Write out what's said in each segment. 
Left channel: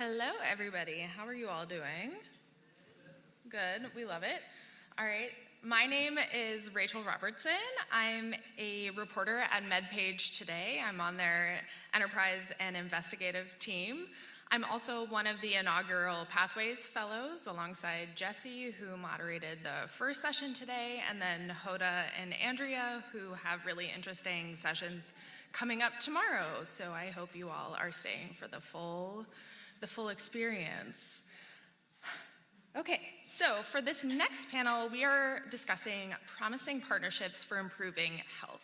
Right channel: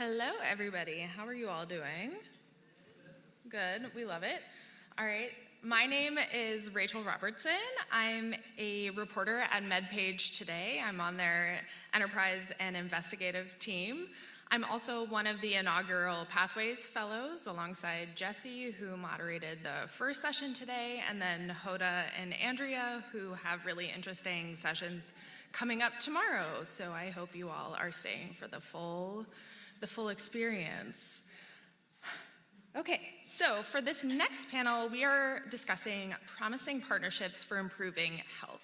Hello, everybody. How are you all doing? Good. We love it. All right. My name is Rachael Robertson. I'm a reporter at MedPage Today. I'm on their enterprise and investigative team. I'm also one of the inaugural Pathways Fellows alongside Jesse, who moderated the first session today, and then Hoda and Andrea, who have really interesting sessions coming up tomorrow. So I hope you all are staying for the full experience. Okay, so for this next panel, we are discussing promising partnerships for improving health.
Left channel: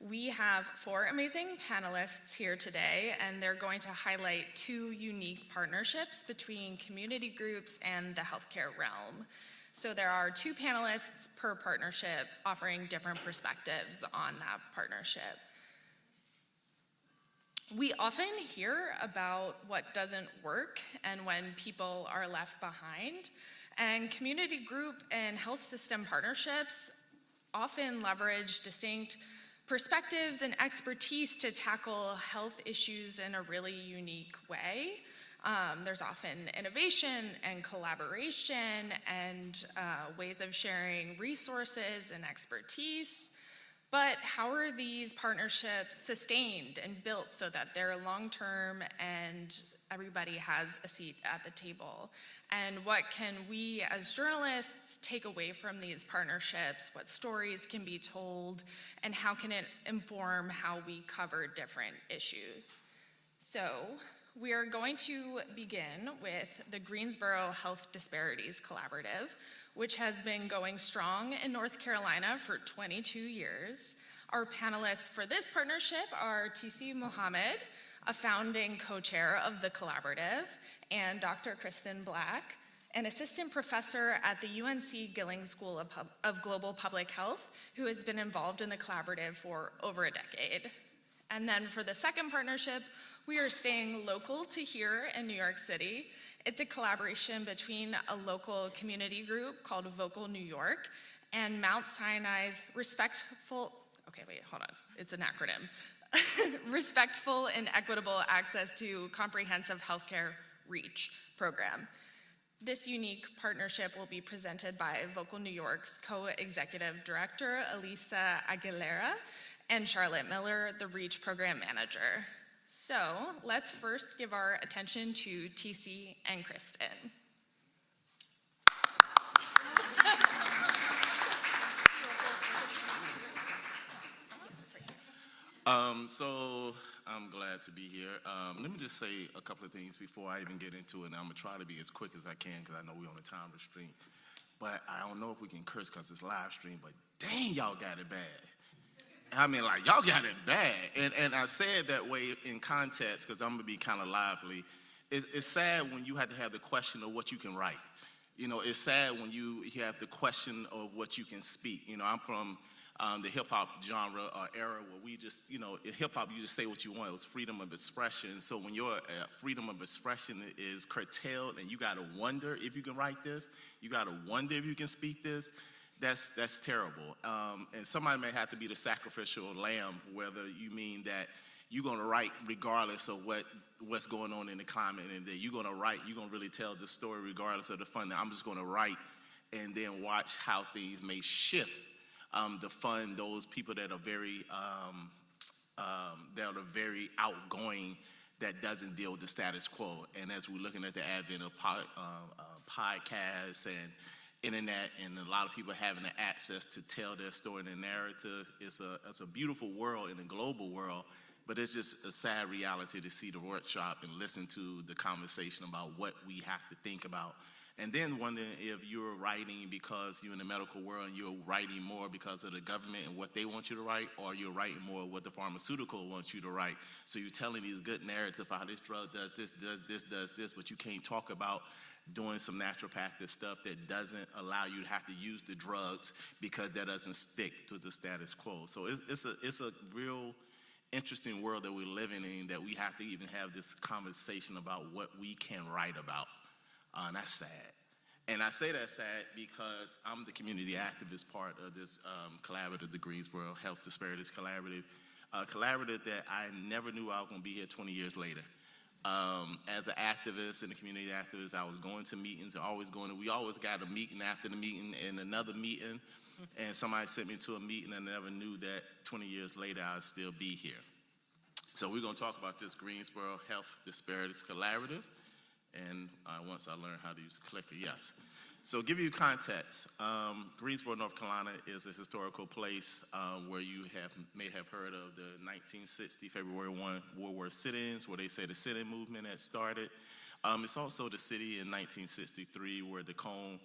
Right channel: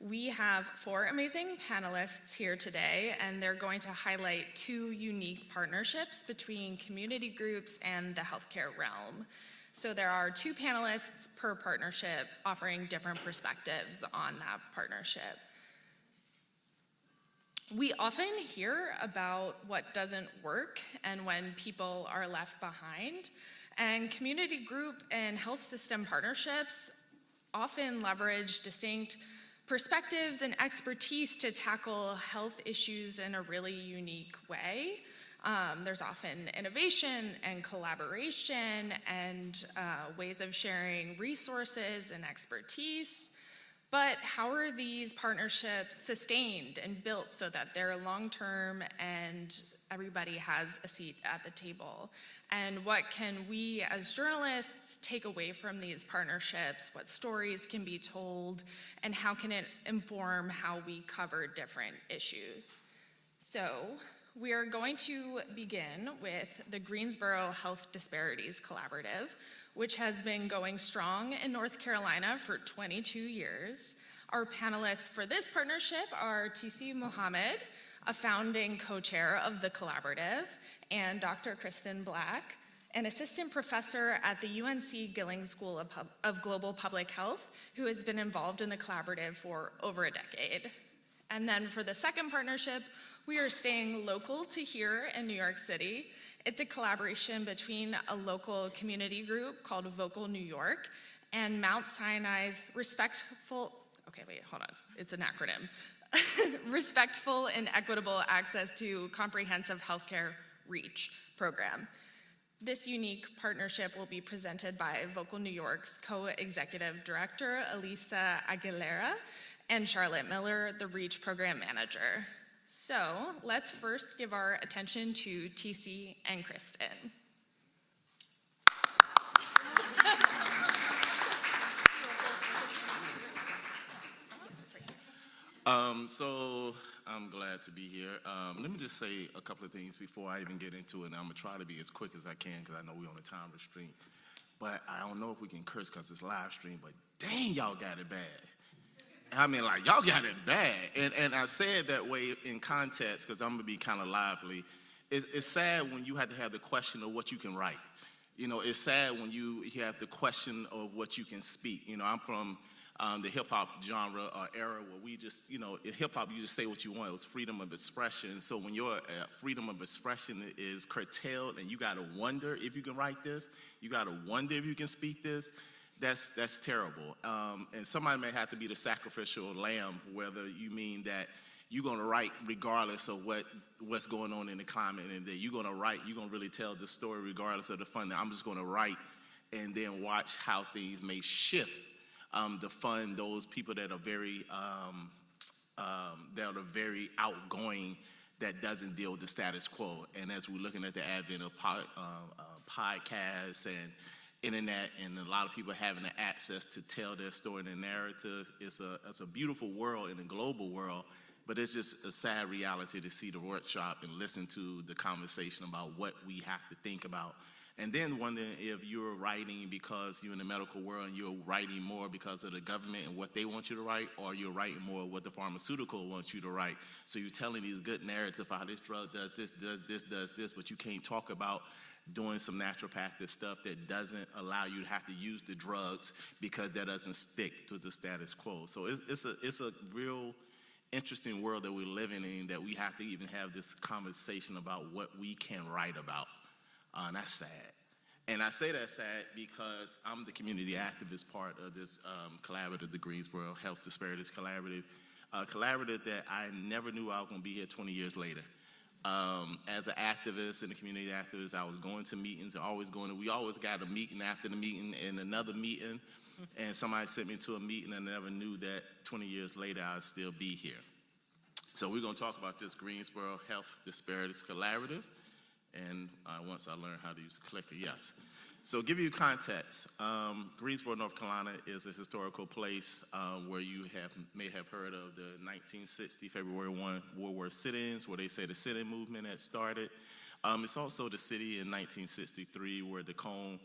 We have 4 amazing panelists here today, and they're going to highlight 2 unique partnerships between community groups and the healthcare realm. So there are 2 panelists per partnership offering different perspectives on that partnership. We often hear about what doesn't work and when people are left behind, and community group and health system partnerships often leverage distinct perspectives and expertise to tackle health issues in a really unique way. There's often innovation and collaboration and ways of sharing resources and expertise. But how are these partnerships sustained and built so that they're long-term and everybody has a seat at the table? And what can we as journalists take away from these partnerships? What stories can be told? And how can it inform how we cover different issues? So we are going to begin with the Greensboro Health Disparities Collaborative, which has been going strong in North Carolina for 22 years. Our panelists for this partnership are T.C. Muhammad, a founding co-chair of the collaborative, and Dr. Kristin Black, an assistant professor at the UNC Gillings School of Global Public Health, who has been involved in the collaborative for over a decade. And then for the second partnership, we are staying local to here in New York City. It's a collaboration between a local community group called Vocal New York and Mount Sinai's Respectful and Equitable Access to Comprehensive Healthcare REACH program. This unique partnership will be presented by Vocal New York's co-executive director, Alyssa Aguilera, and Charlotte Miller, the REACH program manager. So let's first give our attention to TC and Kristin. So I'm glad to be here. Let me just say a couple of things before I even get into it. And I'm going to try to be as quick as I can because I know we're on a time restraint. But I don't know if we can curse because it's live stream, but dang, y'all got it bad. I mean, like, y'all got it bad. And I say it that way in context because I'm going to be kind of lively. It's sad when you have to have the question of what you can write. You know, it's sad when you have the question of what you can speak. You know, I'm from the hip-hop genre or era where we just, you know, in hip-hop, you just say what you want. It was freedom of expression. So when your freedom of expression is curtailed and you got to wonder if you can write this, you got to wonder if you can speak this, that's terrible. And somebody may have to be the sacrificial lamb, whether you mean that you're going to write regardless of what's going on in the climate, and that you're going to write, you're going to really tell the story regardless of the fund. I'm just going to write and then watch how things may shift to fund those people that are very outgoing, that doesn't deal with the status quo. And as we're looking at the advent of podcasts and internet, and a lot of people having the access to tell their story and their narrative, it's a beautiful world in a global world, but it's just a sad reality to see the workshop and listen to the conversation about what we have to think about. And then wondering if you're writing because you're in the medical world and you're writing more because of the government and what they want you to write, or you're writing more what the pharmaceutical wants you to write. So you're telling these good narratives how this drug does this, but you can't talk about doing some naturopathic stuff that doesn't allow you to have to use the drugs because that doesn't stick to the status quo. So it's a real interesting world that we're living in, that we have to even have this conversation about what we can write about. And that's sad. And I say that's sad because I'm the community activist part of this collaborative, the Greensboro Health Disparities Collaborative, a collaborative that I never knew I was going to be here 20 years later. As an activist and a community activist, I was going to meetings, we always got a meeting after the meeting and another meeting, and somebody sent me to a meeting and I never knew that 20 years later I'd still be here. So we're going to talk about this Greensboro Health Disparities Collaborative, and once I learn how to use clicker, yes. So give you context, Greensboro, North Carolina is a historical place where you may have heard of the 1960 February 1 World War sit-ins, where they say the sit-in movement had started. It's also the city in 1963 where the Cone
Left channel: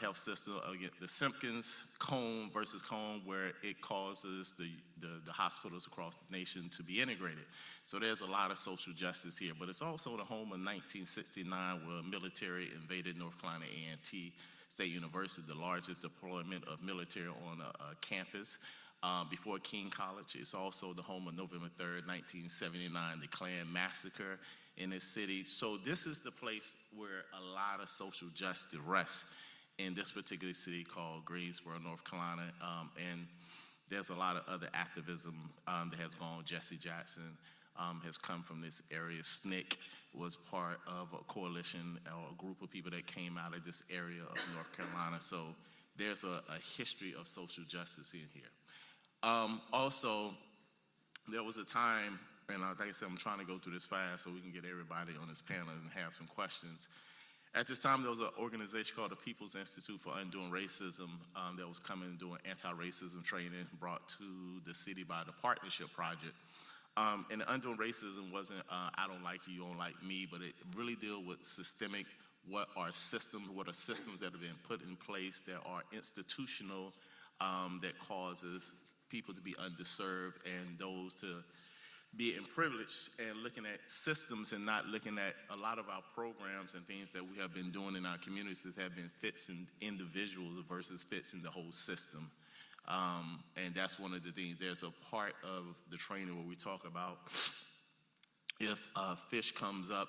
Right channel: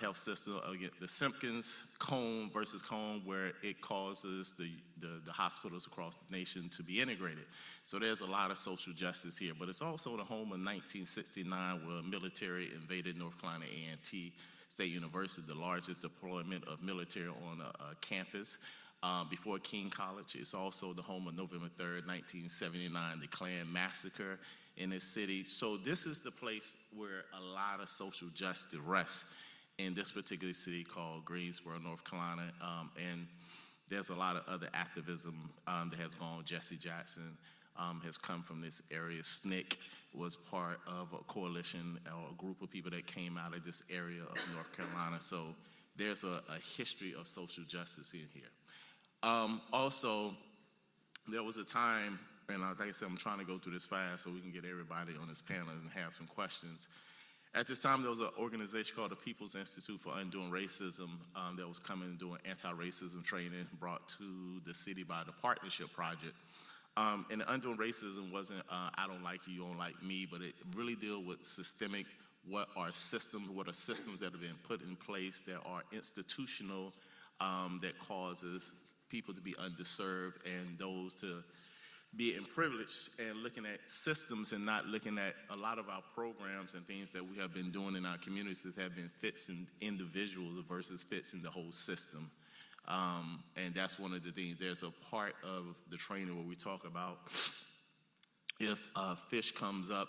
health system, the Simpkins Cone versus Cone, where it causes the hospitals across the nation to be integrated. So there's a lot of social justice here, but it's also the home of 1969 where military invaded North Carolina A&T State University, the largest deployment of military on a campus before King College. It's also the home of November 3rd, 1979, the Klan massacre in this city. So this is the place where a lot of social justice rests in this particular city called Greensboro, North Carolina, and there's a lot of other activism that has gone. Jesse Jackson has come from this area. SNCC was part of a coalition or a group of people that came out of this area of North Carolina. So there's a history of social justice in here. Also, there was a time, and like I said, I'm trying to go through this fast so we can get everybody on this panel and have some questions. At this time, there was an organization called the People's Institute for Undoing Racism that was coming and doing anti-racism training brought to the city by the Partnership Project. And the Undoing Racism wasn't, I don't like you, you don't like me, but it really dealt with systemic, what are systems that have been put in place that are institutional, that causes people to be underserved and those to be in privilege, and looking at systems and not looking at a lot of our programs and things that we have been doing in our communities have been fits in individuals versus fits in the whole system. And that's one of the things. There's a part of the training where we talk about if a fish comes up,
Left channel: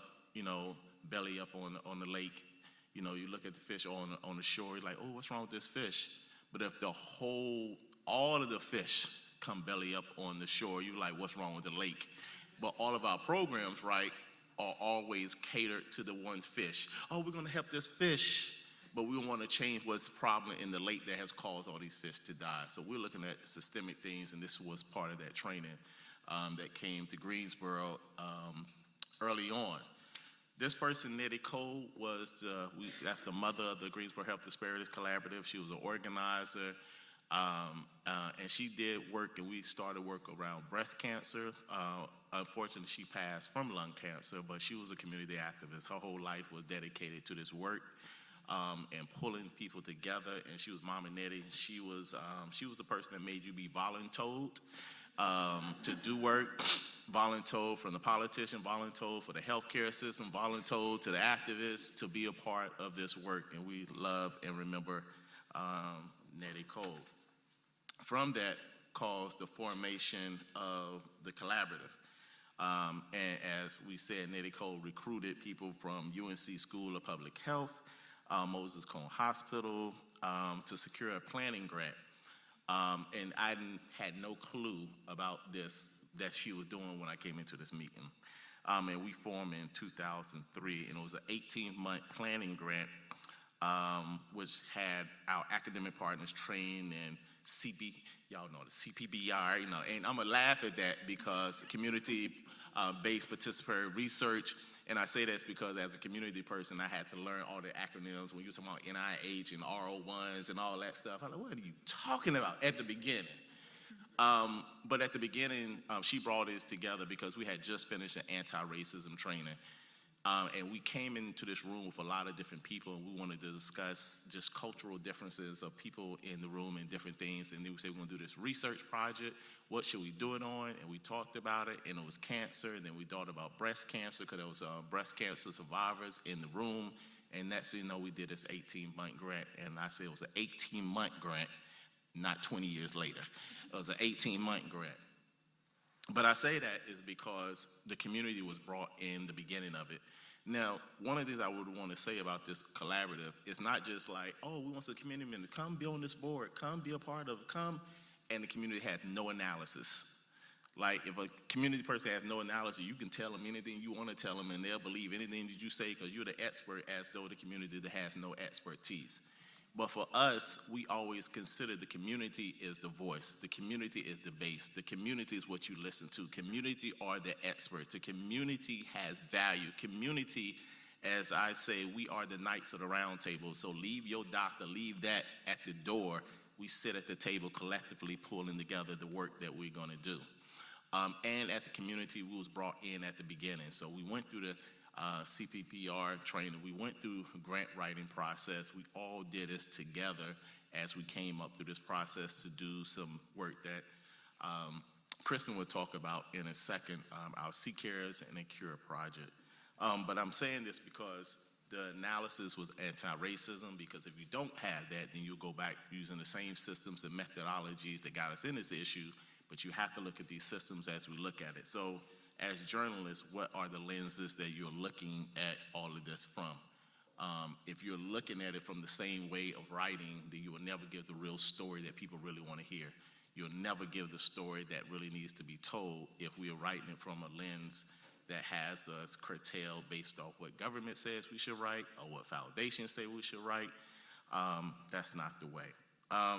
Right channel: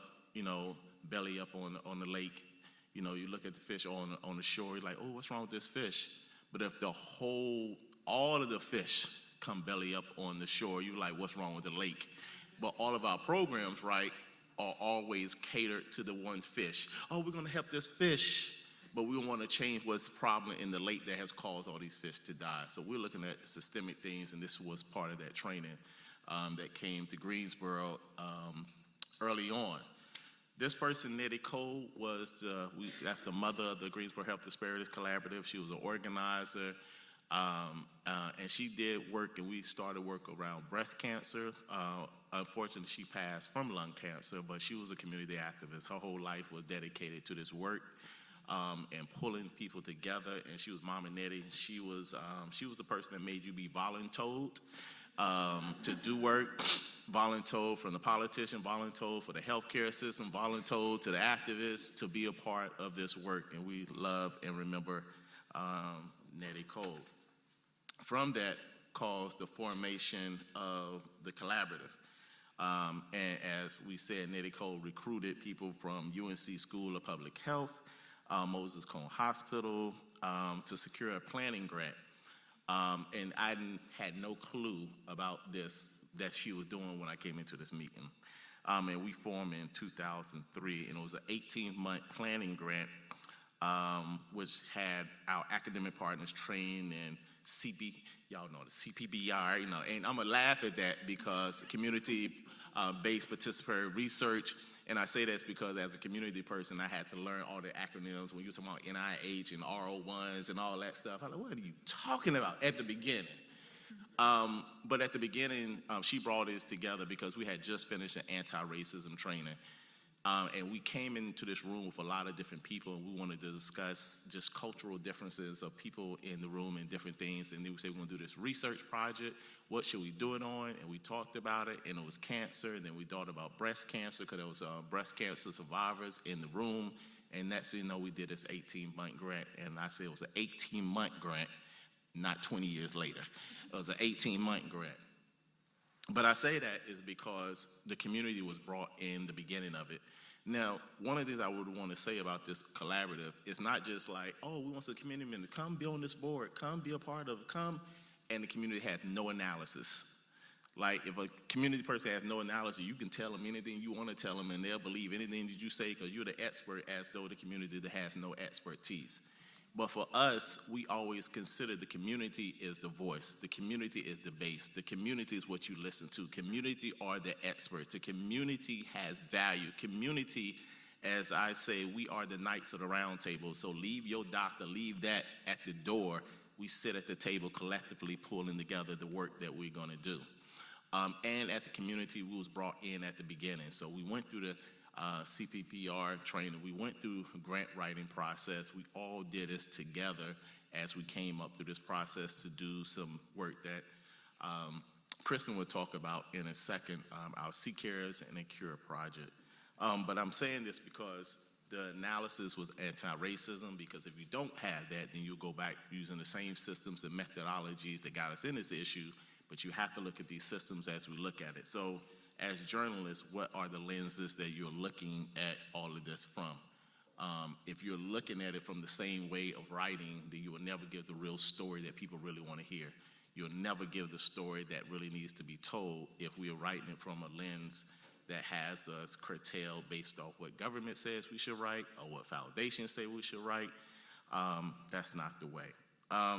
belly up on the lake, you look at the fish on the shore, you're like, oh, what's wrong with this fish? But if all of the fish come belly up on the shore, you're like, what's wrong with the lake? But all of our programs, right, are always catered to the one fish. Oh, we're going to help this fish, but we want to change what's problem in the lake that has caused all these fish to die. So we're looking at systemic things, and this was part of that training that came to Greensboro early on. This person, Nettie Cole, that's the mother of the Greensboro Health Disparities Collaborative. She was an organizer. And she did work, and we started work around breast cancer. Unfortunately, she passed from lung cancer, but she was a community activist. Her whole life was dedicated to this work and pulling people together. And she was Mama Nettie. She was the person that made you be voluntold to do work, voluntold from the politician, voluntold for the healthcare system, voluntold to the activists to be a part of this work. And we love and remember Nettie Cole. From that caused the formation of the collaborative. And as we said, Nettie Cole recruited people from UNC School of Public Health, Moses Cone Hospital, to secure a planning grant. And I had no clue about this that she was doing when I came into this meeting. And we formed in 2003, and it was an 18-month planning grant, which had our academic partners trained in y'all know the CPBR, and I'm gonna laugh at that because community-based participatory research, and I say that's because as a community person, I had to learn all the acronyms when you're talking about NIH and RO1s and all that stuff. I'm like, what are you talking about at the beginning? But at the beginning, she brought us together because we had just finished an anti-racism training. And we came into this room with a lot of different people, and we wanted to discuss just cultural differences of people in the room and different things. And then we said, we're going to do this research project. What should we do it on? And we talked about it, and it was cancer. And then we thought about breast cancer because there was breast cancer survivors in the room. And next thing you know, we did this 18-month grant. And I said it was an 18-month grant, not 20 years later. It was an 18-month grant. But I say that is because the community was brought in the beginning of it. Now, one of the things I would want to say about this collaborative is not just like, oh, we want the community to come be on this board, come be a part of it, come, and the community had no analysis Like, if a community person has no analogy, you can tell them anything you want to tell them, and they'll believe anything that you say because you're the expert, as though the community that has no expertise. But for us, we always consider the community is the voice. The community is the base. The community is what you listen to. Community are the experts. The community has value. Community, as I say, we are the knights of the round table. So leave your doctor, leave that at the door. We sit at the table collectively pulling together the work that we're going to do. And at the community, we was brought in at the beginning. So we went through the CPPR training. We went through grant writing process. We all did this together as we came up through this process to do some work that Kristin will talk about in a second, our C-Cares and a Cure project. But I'm saying this because the analysis was anti-racism, because if you don't have that, then you'll go back using the same systems and methodologies that got us in this issue, but you have to look at these systems as we look at it. So as journalists, what are the lenses that you're looking at all of this from? If you're looking at it from the same way of writing, then you will never give the real story that people really want to hear. You'll never give the story that really needs to be told if we are writing it from a lens that has us curtailed based off what government says we should write or what foundations say we should write. That's not the way.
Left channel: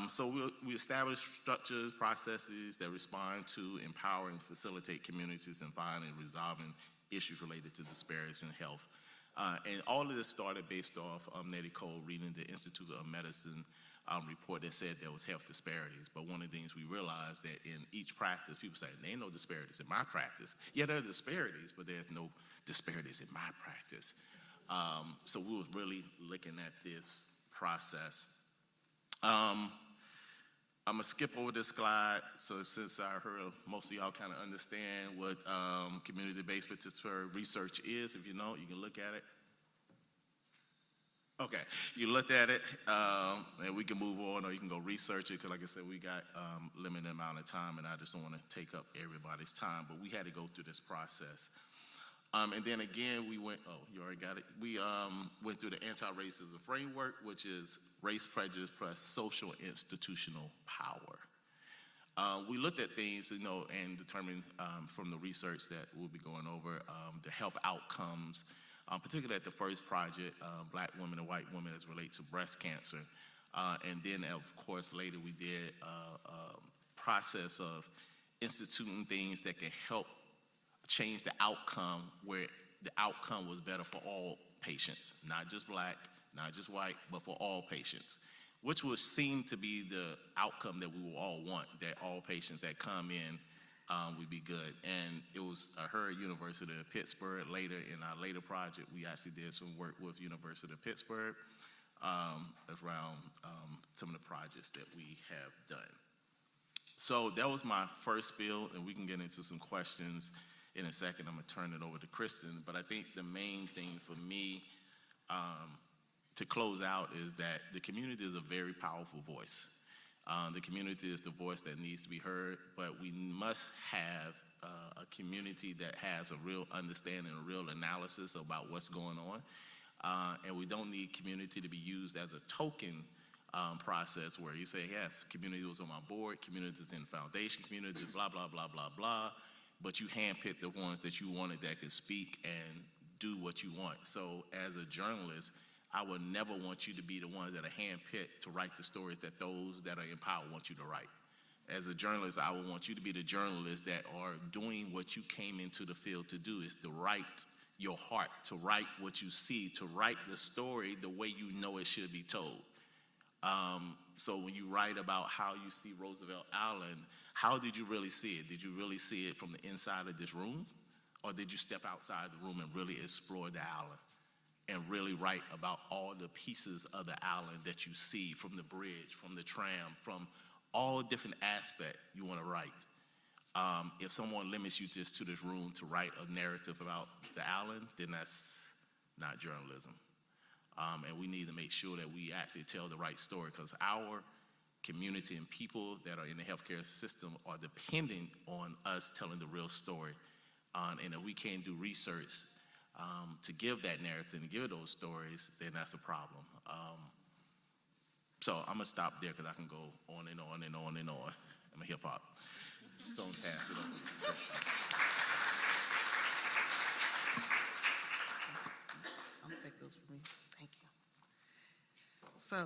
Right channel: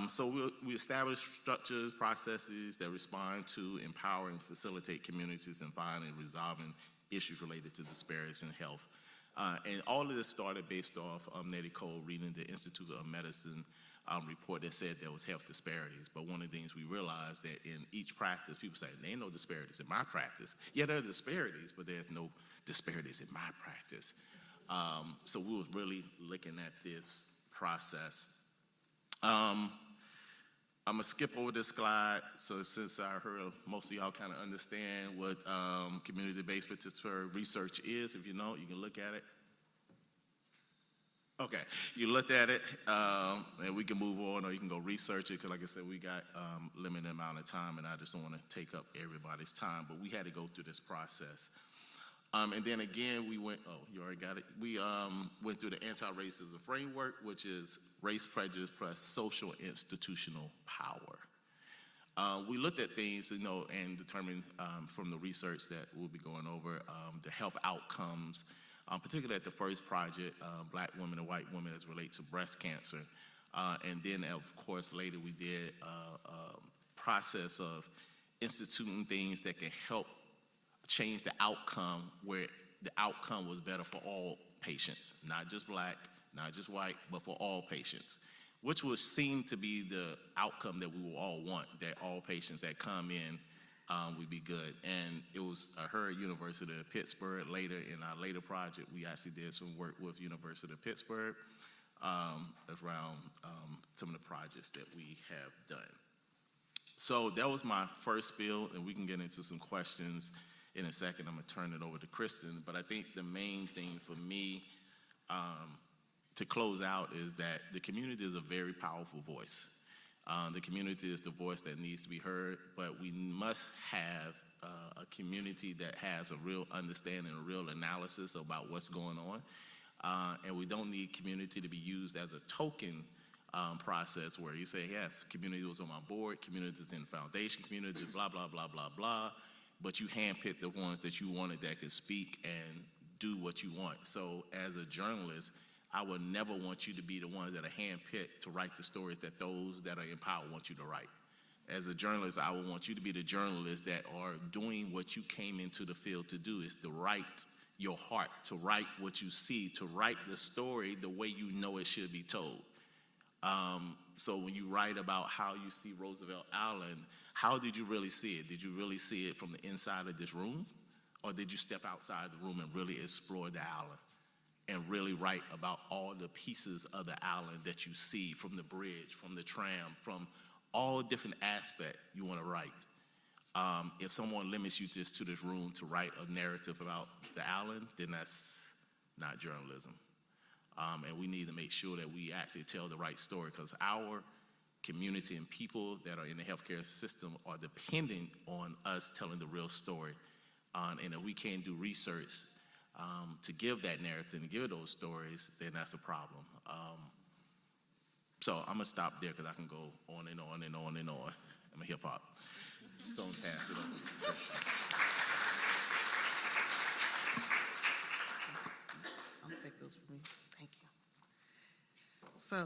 So we establish structures, processes that respond to empower and facilitate communities in finding and resolving issues related to disparities in health. And all of this started based off Nettie Cole reading the Institute of Medicine report that said there was health disparities. But one of the things we realized that in each practice, people say, there ain't no disparities in my practice. Yeah, there are disparities, but there's no disparities in my practice. So we was really looking at this process. I'm gonna skip over this slide. So since I heard most of y'all kind of understand what community-based participatory research is, if you know, you can look at it. Okay, you looked at it, and we can move on, or you can go research it, because like I said, we got limited amount of time, and I just don't want to take up everybody's time, but we had to go through this process. And then again, we went, oh, you already got it. We went through the anti-racism framework, which is race prejudice plus social institutional power. We looked at things, and determined from the research that we'll be going over, the health outcomes, particularly at the first project, Black women and white women as relate to breast cancer. And then, of course, later we did a process of instituting things that can help change the outcome, where the outcome was better for all patients, not just Black, not just white, but for all patients, which would seem to be the outcome that we will all want, that all patients that come in would be good. And it was, I heard University of Pittsburgh later in our later project, we actually did some work with University of Pittsburgh around some of the projects that we have done. So that was my first spiel, and we can get into some questions in a second. I'm gonna turn it over to Kristin, but I think the main thing for me to close out is that the community is a very powerful voice. The community is the voice that needs to be heard, but we must have a community that has a real understanding, a real analysis about what's going on. And we don't need community to be used as a token process where you say, yes, community was on my board, community was in the foundation, community blah, blah, blah, blah, blah. But you handpick the ones that you wanted that could speak and do what you want. So as a journalist, I would never want you to be the ones that are handpicked to write the stories that those that are in power want you to write. As a journalist, I would want you to be the journalists that are doing what you came into the field to do, is to write your heart, to write what you see, to write the story the way you know it should be told. So when you write about how you see Roosevelt Island, how did you really see it? Did you really see it from the inside of this room? Or did you step outside the room and really explore the island and really write about all the pieces of the island that you see, from the bridge, from the tram, from all different aspects you want to write? If someone limits you just to this room to write a narrative about the island, then that's not journalism. And we need to make sure that we actually tell the right story, because our community and people that are in the healthcare system are dependent on us telling the real story. And if we can't do research to give that narrative and give those stories, then that's a problem. So I'm gonna stop there because I can go on and on and on and on. I'm a hip hop. So I'm gonna pass it over. I'll take those from me. Thank you. So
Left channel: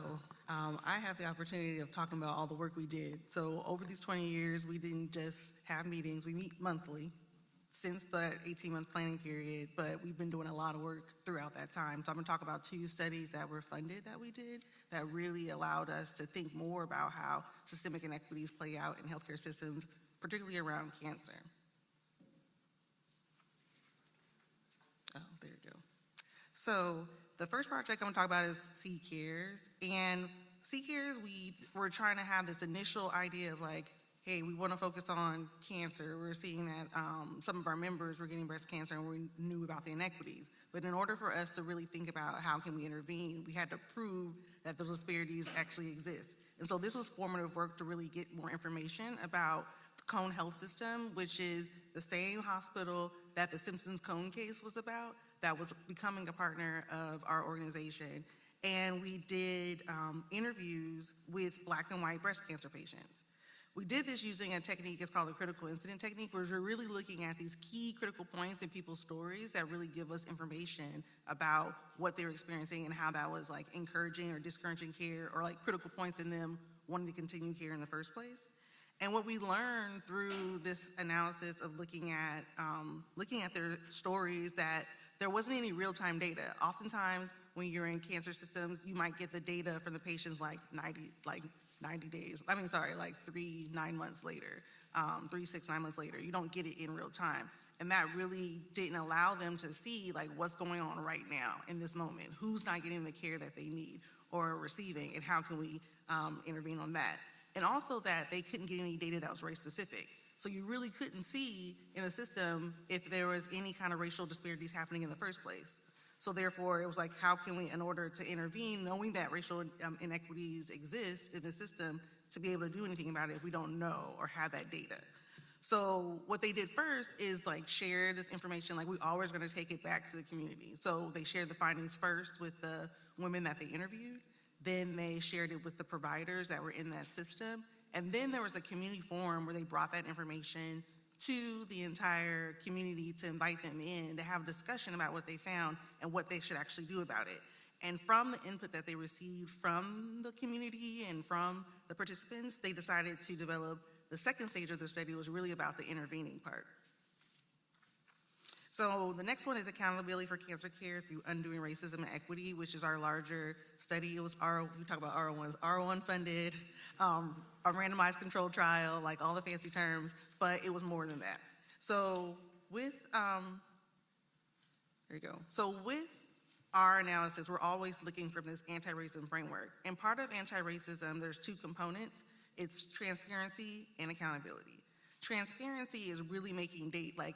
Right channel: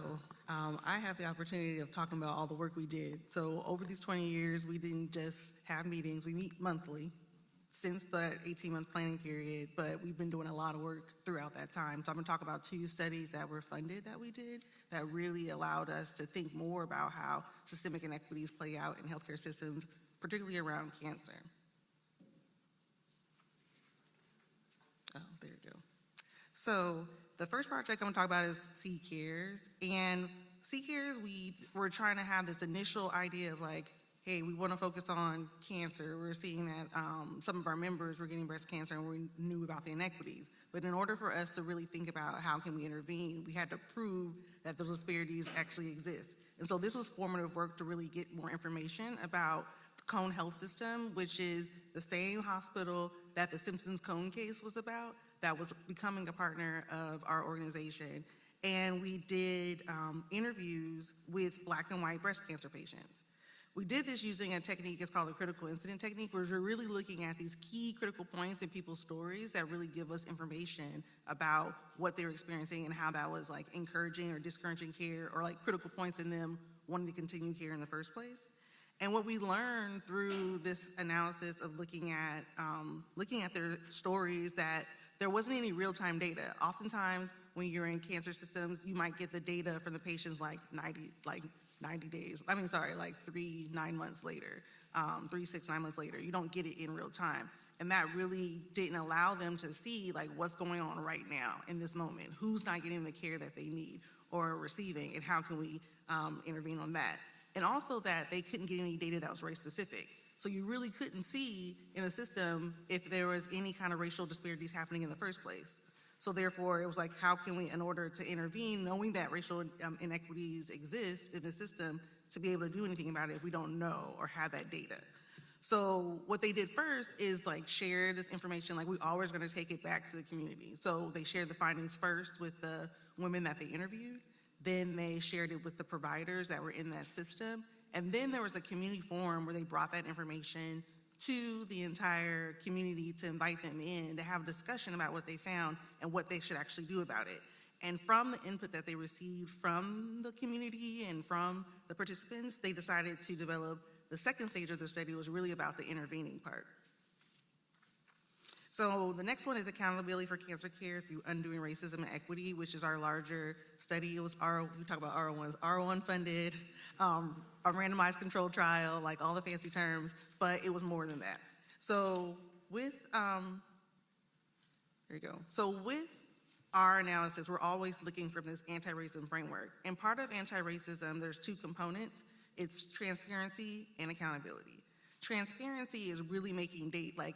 I have the opportunity of talking about all the work we did. So over these 20 years, we didn't just have meetings. We meet monthly since the 18-month planning period, but we've been doing a lot of work throughout that time. So I'm going to talk about 2 studies that were funded that we did that really allowed us to think more about how systemic inequities play out in healthcare systems, particularly around cancer. Oh, there you go. So the first project I'm going to talk about is C-Cares. And C-Cares, we were trying to have this initial idea of like, hey, we want to focus on cancer. We're seeing that some of our members were getting breast cancer and we knew about the inequities. But in order for us to really think about how can we intervene, we had to prove that the disparities actually exist. And so this was formative work to really get more information about the Cone Health System, which is the same hospital that the Simpsons Cone case was about, that was becoming a partner of our organization. And we did interviews with Black and white breast cancer patients. We did this using a technique, it's called the critical incident technique, where we're really looking at these key critical points in people's stories that really give us information about what they're experiencing and how that was like encouraging or discouraging care, or like critical points in them wanting to continue care in the first place. And what we learned through this analysis of looking at their stories, that there wasn't any real-time data. Oftentimes, when you're in cancer systems, you might get the data from the patients like 90 days. I mean, sorry, like 3, 9 months later, 3, 6, 9 months later. You don't get it in real time. And that really didn't allow them to see like what's going on right now in this moment, who's not getting the care that they need or receiving, and how can we intervene on that. And also that they couldn't get any data that was race specific. So you really couldn't see in the system if there was any kind of racial disparities happening in the first place. So therefore, it was like, how can we, in order to intervene, knowing that racial inequities exist in the system, to be able to do anything about it if we don't know or have that data? So what they did first is like share this information, like we're always going to take it back to the community. So they shared the findings first with the women that they interviewed. Then they shared it with the providers that were in that system. And then there was a community forum where they brought that information to the entire community to invite them in to have a discussion about what they found and what they should actually do about it. And from the input that they received from the community and from the participants, they decided to develop the second stage of the study, was really about the intervening part. So the next one is accountability for cancer care through undoing racism and equity, which is our larger study. It was we talk about R01s, R01 funded, a randomized controlled trial, like all the fancy terms, but it was more than that. So with, there you go. So with our analysis, we're always looking for this anti-racism framework. And part of anti-racism, there's 2 components. It's transparency and accountability. Transparency is really making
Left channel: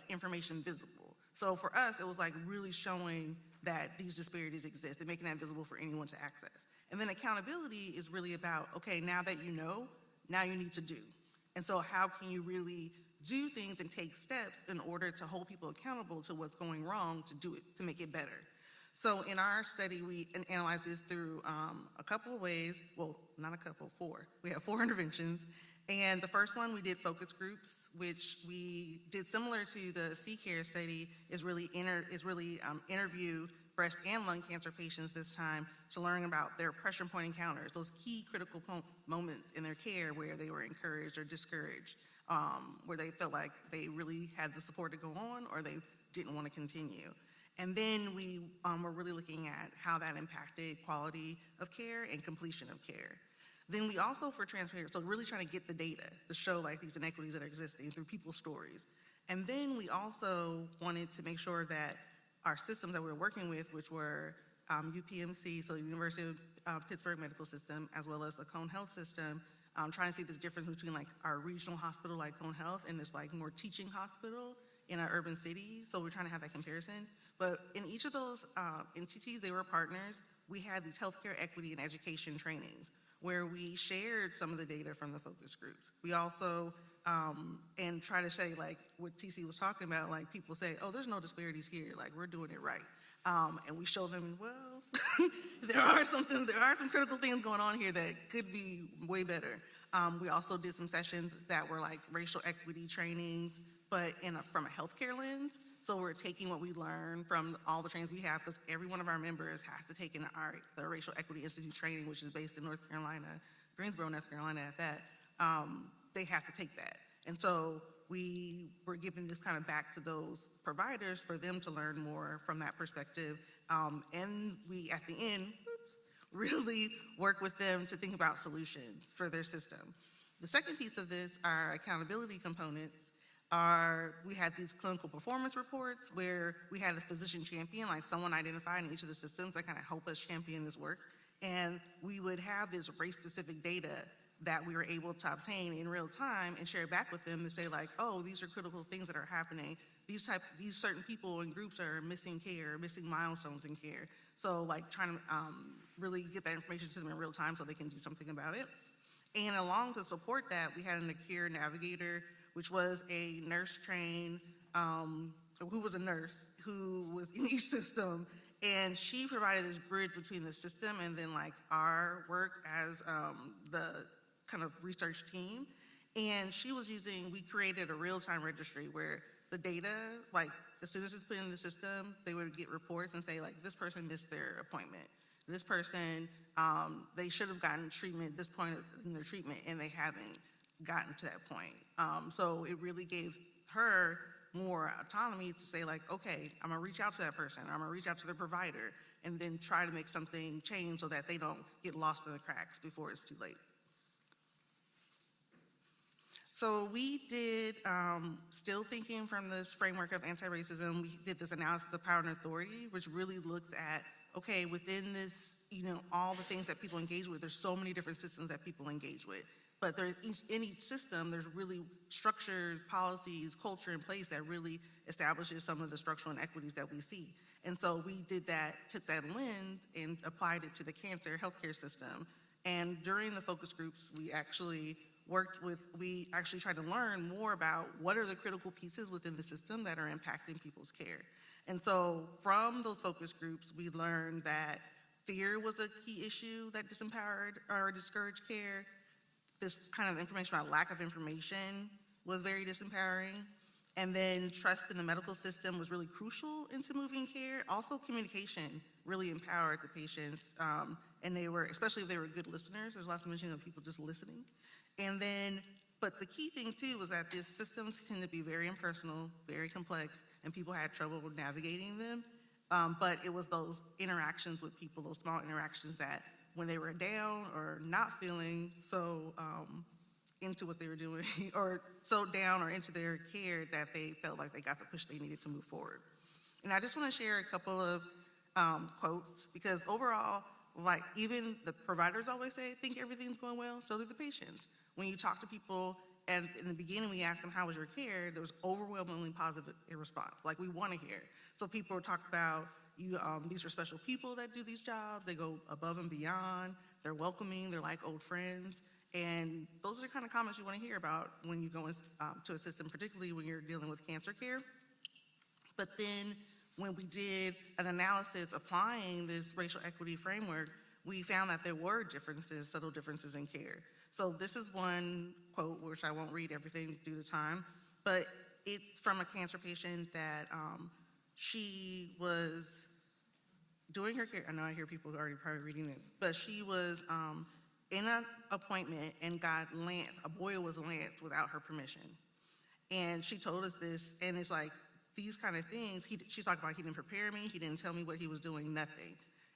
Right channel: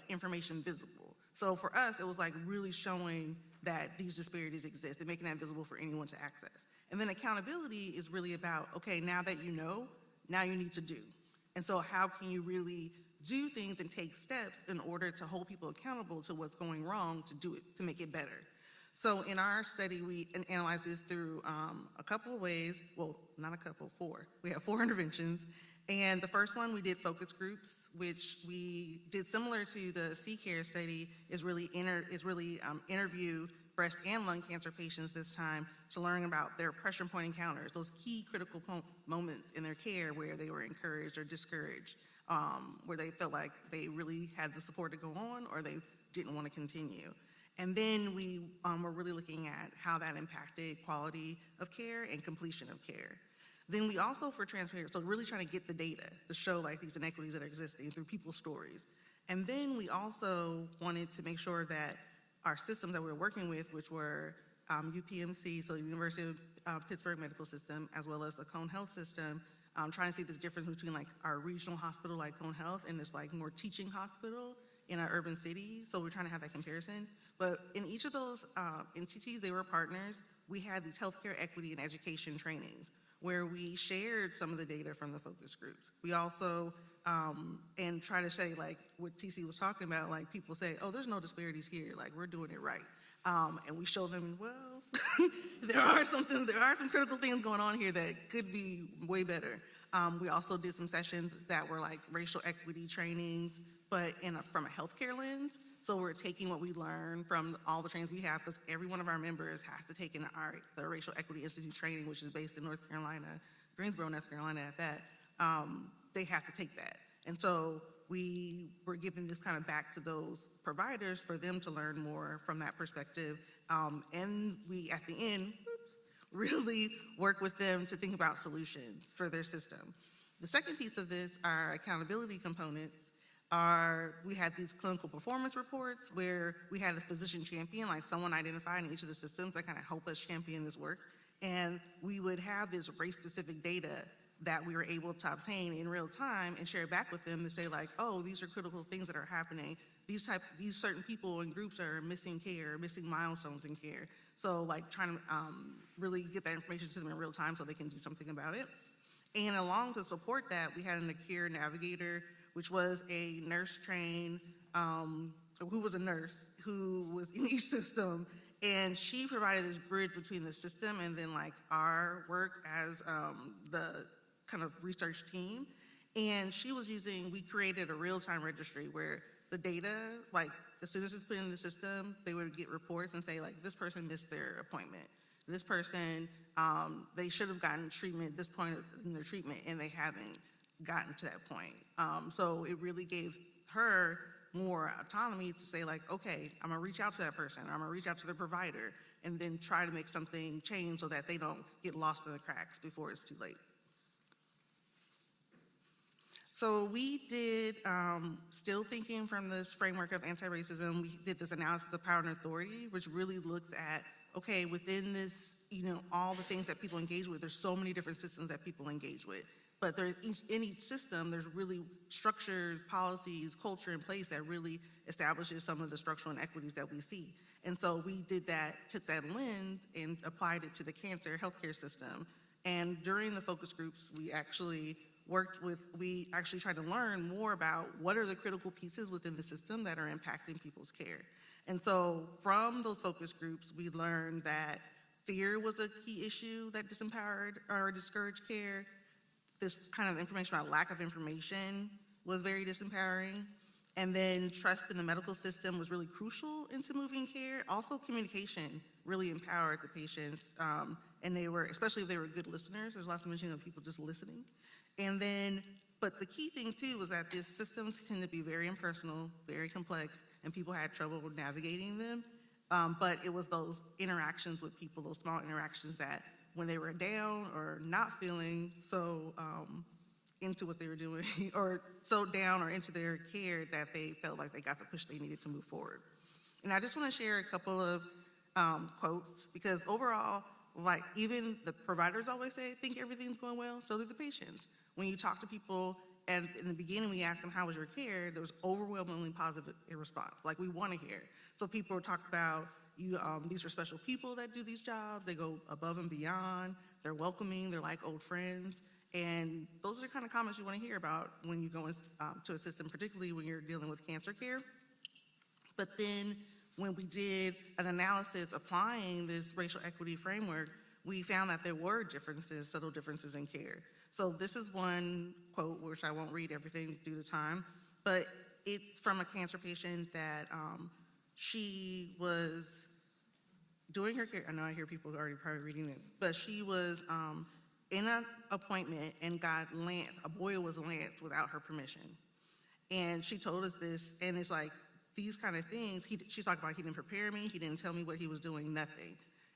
information visible. So for us, it was like really showing that these disparities exist and making that visible for anyone to access. And then accountability is really about, okay, now that you know, now you need to do. And so how can you really do things and take steps in order to hold people accountable to what's going wrong, to do it, to make it better? So in our study, we analyzed this through a couple of ways. Well, not a couple, 4. We have 4 interventions. And the first one, we did focus groups, which we did similar to the C-Care study, is really interview breast and lung cancer patients this time to learn about their pressure point encounters, those key critical moments in their care where they were encouraged or discouraged, where they felt like they really had the support to go on or they didn't want to continue. And then we were really looking at how that impacted quality of care and completion of care. Then we also, for transparency, so really trying to get the data to show like these inequities that are existing through people's stories. And then we also wanted to make sure that our systems that we were working with, which were UPMC, so University of Pittsburgh Medical System, as well as the Cone Health System, trying to see this difference between like our regional hospital like Cone Health and this like more teaching hospital in an urban city. So we're trying to have that comparison. But in each of those entities, they were partners. We had these healthcare equity and education trainings where we shared some of the data from the focus groups. We also, and try to say like what TC was talking about, like people say, oh, there's no disparities here, like we're doing it right. And we show them, well, there are some critical things going on here that could be way better. We also did some sessions that were like racial equity trainings, but from a healthcare lens. So we're taking what we learned from all the trainings we have, because every one of our members has to take the Racial Equity Institute training, which is based in North Carolina, Greensboro, North Carolina at that. They have to take that. And so we were giving this kind of back to those providers for them to learn more from that perspective. And we, at the end, really work with them to think about solutions for their system. The second piece of this, our accountability components, we had these clinical performance reports where we had a physician champion, like someone identified in each of the systems that kind of help us champion this work. And we would have this race-specific data that we were able to obtain in real time and share back with them to say like, oh, these are critical things that are happening. These certain people and groups are missing care, missing milestones in care. So like trying to really get that information to them in real time so they can do something about it. And along to support that, we had a care navigator, which was a nurse trained, who was a nurse who was in each system. And she provided this bridge between the system and then like our work as the kind of research team. And we created a real-time registry where the data, like as soon as it's put in the system, they would get reports and say like, this person missed their appointment. This person, they should have gotten treatment at this point in their treatment and they haven't gotten to that point. So it really gave her more autonomy to say like, okay, I'm gonna reach out to that person, I'm gonna reach out to the provider, and then try to make something change so that they don't get lost in the cracks before it's too late. So we did, still thinking from this framework of anti-racism, we did this analysis of power and authority, which really looks at, okay, within this, all the things that people engage with, there's so many different systems that people engage with. But in each system, there's really structures, policies, culture in place that really establishes some of the structural inequities that we see. And so we did that, took that lens and applied it to the cancer healthcare system. And during the focus groups, we actually tried to learn more about what are the critical pieces within the system that are impacting people's care. And so from those focus groups, we learned that fear was a key issue that disempowered or discouraged care. This kind of information about lack of information was very disempowering. And then trust in the medical system was really crucial into moving care. Also communication really empowered the patients, and especially if they were good listeners. There's lots of mention of people just listening. And then, but the key thing too was that these systems tend to be very impersonal, very complex, and people had trouble with navigating them. But it was those interactions with people, those small interactions that when they were down or not feeling so into what they were doing, or so down or into their care that they felt like they got the push they needed to move forward. And I just want to share a couple of quotes, because overall, like even the providers always say, think everything's going well, so do the patients. When you talk to people, and in the beginning we asked them, how was your care? There was overwhelmingly positive response, like we want to hear. So people talk about, these are special people that do these jobs, they go above and beyond, they're welcoming, they're like old friends. And those are the kind of comments you want to hear about when you go to a system, particularly when you're dealing with cancer care. But then when we did an analysis applying this racial equity framework, we found that there were differences, subtle differences in care. So this is one quote, which I won't read everything due to time, but it's from a cancer patient that she was doing her care. I know I hear people already probably reading it, but she was in an appointment and got a boil was lanced without her permission. And she told us this, and it's like, these kind of things, she's talking about he didn't prepare me, he didn't tell me what he was doing, nothing.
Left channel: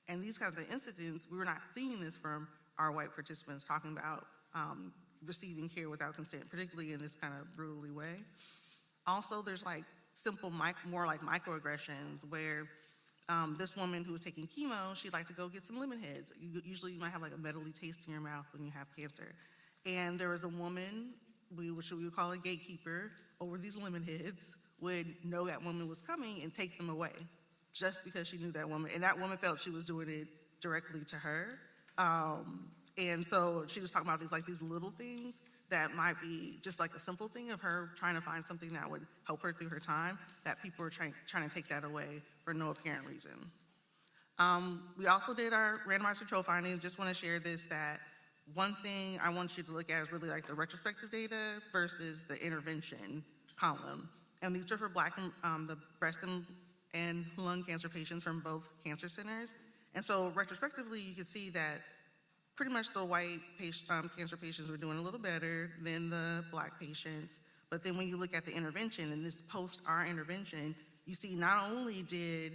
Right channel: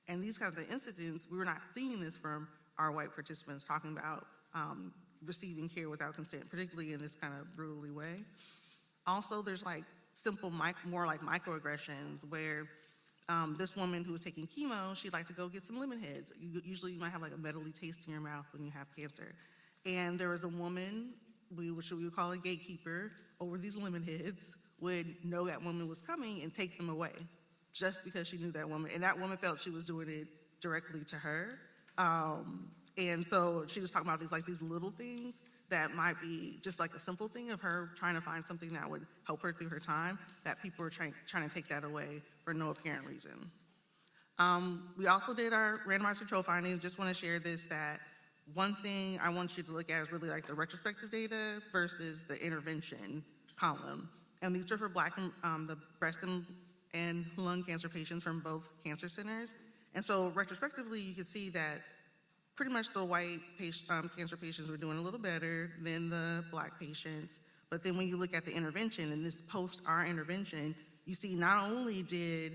And these kinds of incidents, we were not seeing this from our white participants talking about receiving care without consent, particularly in this kind of brutally way. Also, there's like simple, more like microaggressions where this woman who was taking chemo, she'd like to go get some lemon heads. Usually you might have like a metally taste in your mouth when you have cancer. And there was a woman, which we would call a gatekeeper, over these lemon heads, would know that woman was coming and take them away just because she knew that woman. And that woman felt she was doing it directly to her. And so she was talking about these little things that might be just like a simple thing of her trying to find something that would help her through her time, that people are trying to take that away for no apparent reason. We also did our randomized control findings. Just want to share this, that one thing I want you to look at is really like the retrospective data versus the intervention column. And these are for the breast and lung cancer patients from both cancer centers. And so retrospectively, you can see that pretty much the white cancer patients were doing a little better than the black patients. But then when you look at the intervention, and this post our intervention, you see not only did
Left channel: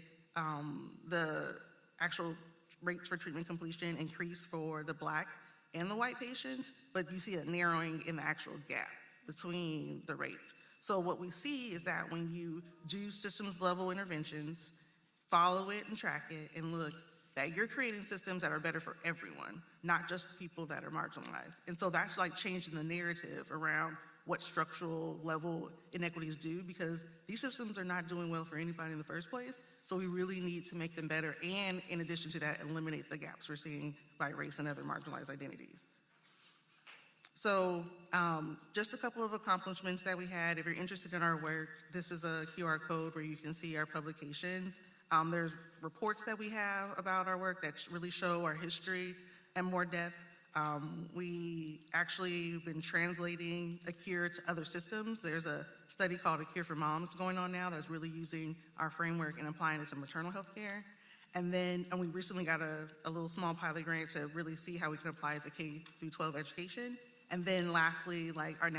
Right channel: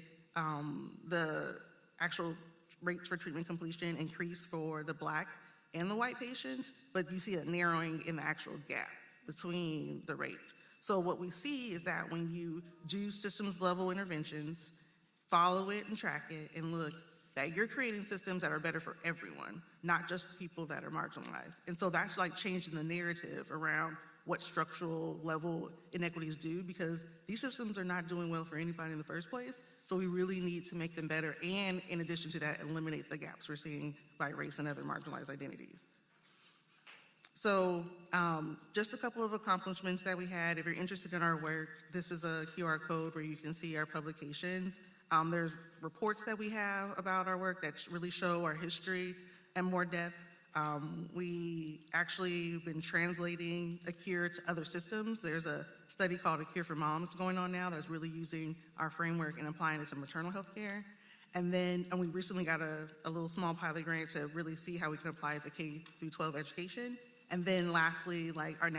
the actual rates for treatment completion increase for the black and the white patients, but you see a narrowing in the actual gap between the rates. So what we see is that when you do systems level interventions, follow it and track it and look, that you're creating systems that are better for everyone, not just people that are marginalized. And so that's like changing the narrative around what structural level inequities do, because these systems are not doing well for anybody in the first place. So we really need to make them better, and in addition to that, eliminate the gaps we're seeing by race and other marginalized identities. So just a couple of accomplishments that we had. If you're interested in our work, this is a QR code where you can see our publications. There's reports that we have about our work that really show our history and more depth. We actually have been translating A Cure to other systems. There's a study called A Cure for Moms going on now that's really using our framework and applying it to maternal health care. And we recently got a little small pilot grant to really see how we can apply it to K through 12 education. And then lastly, like our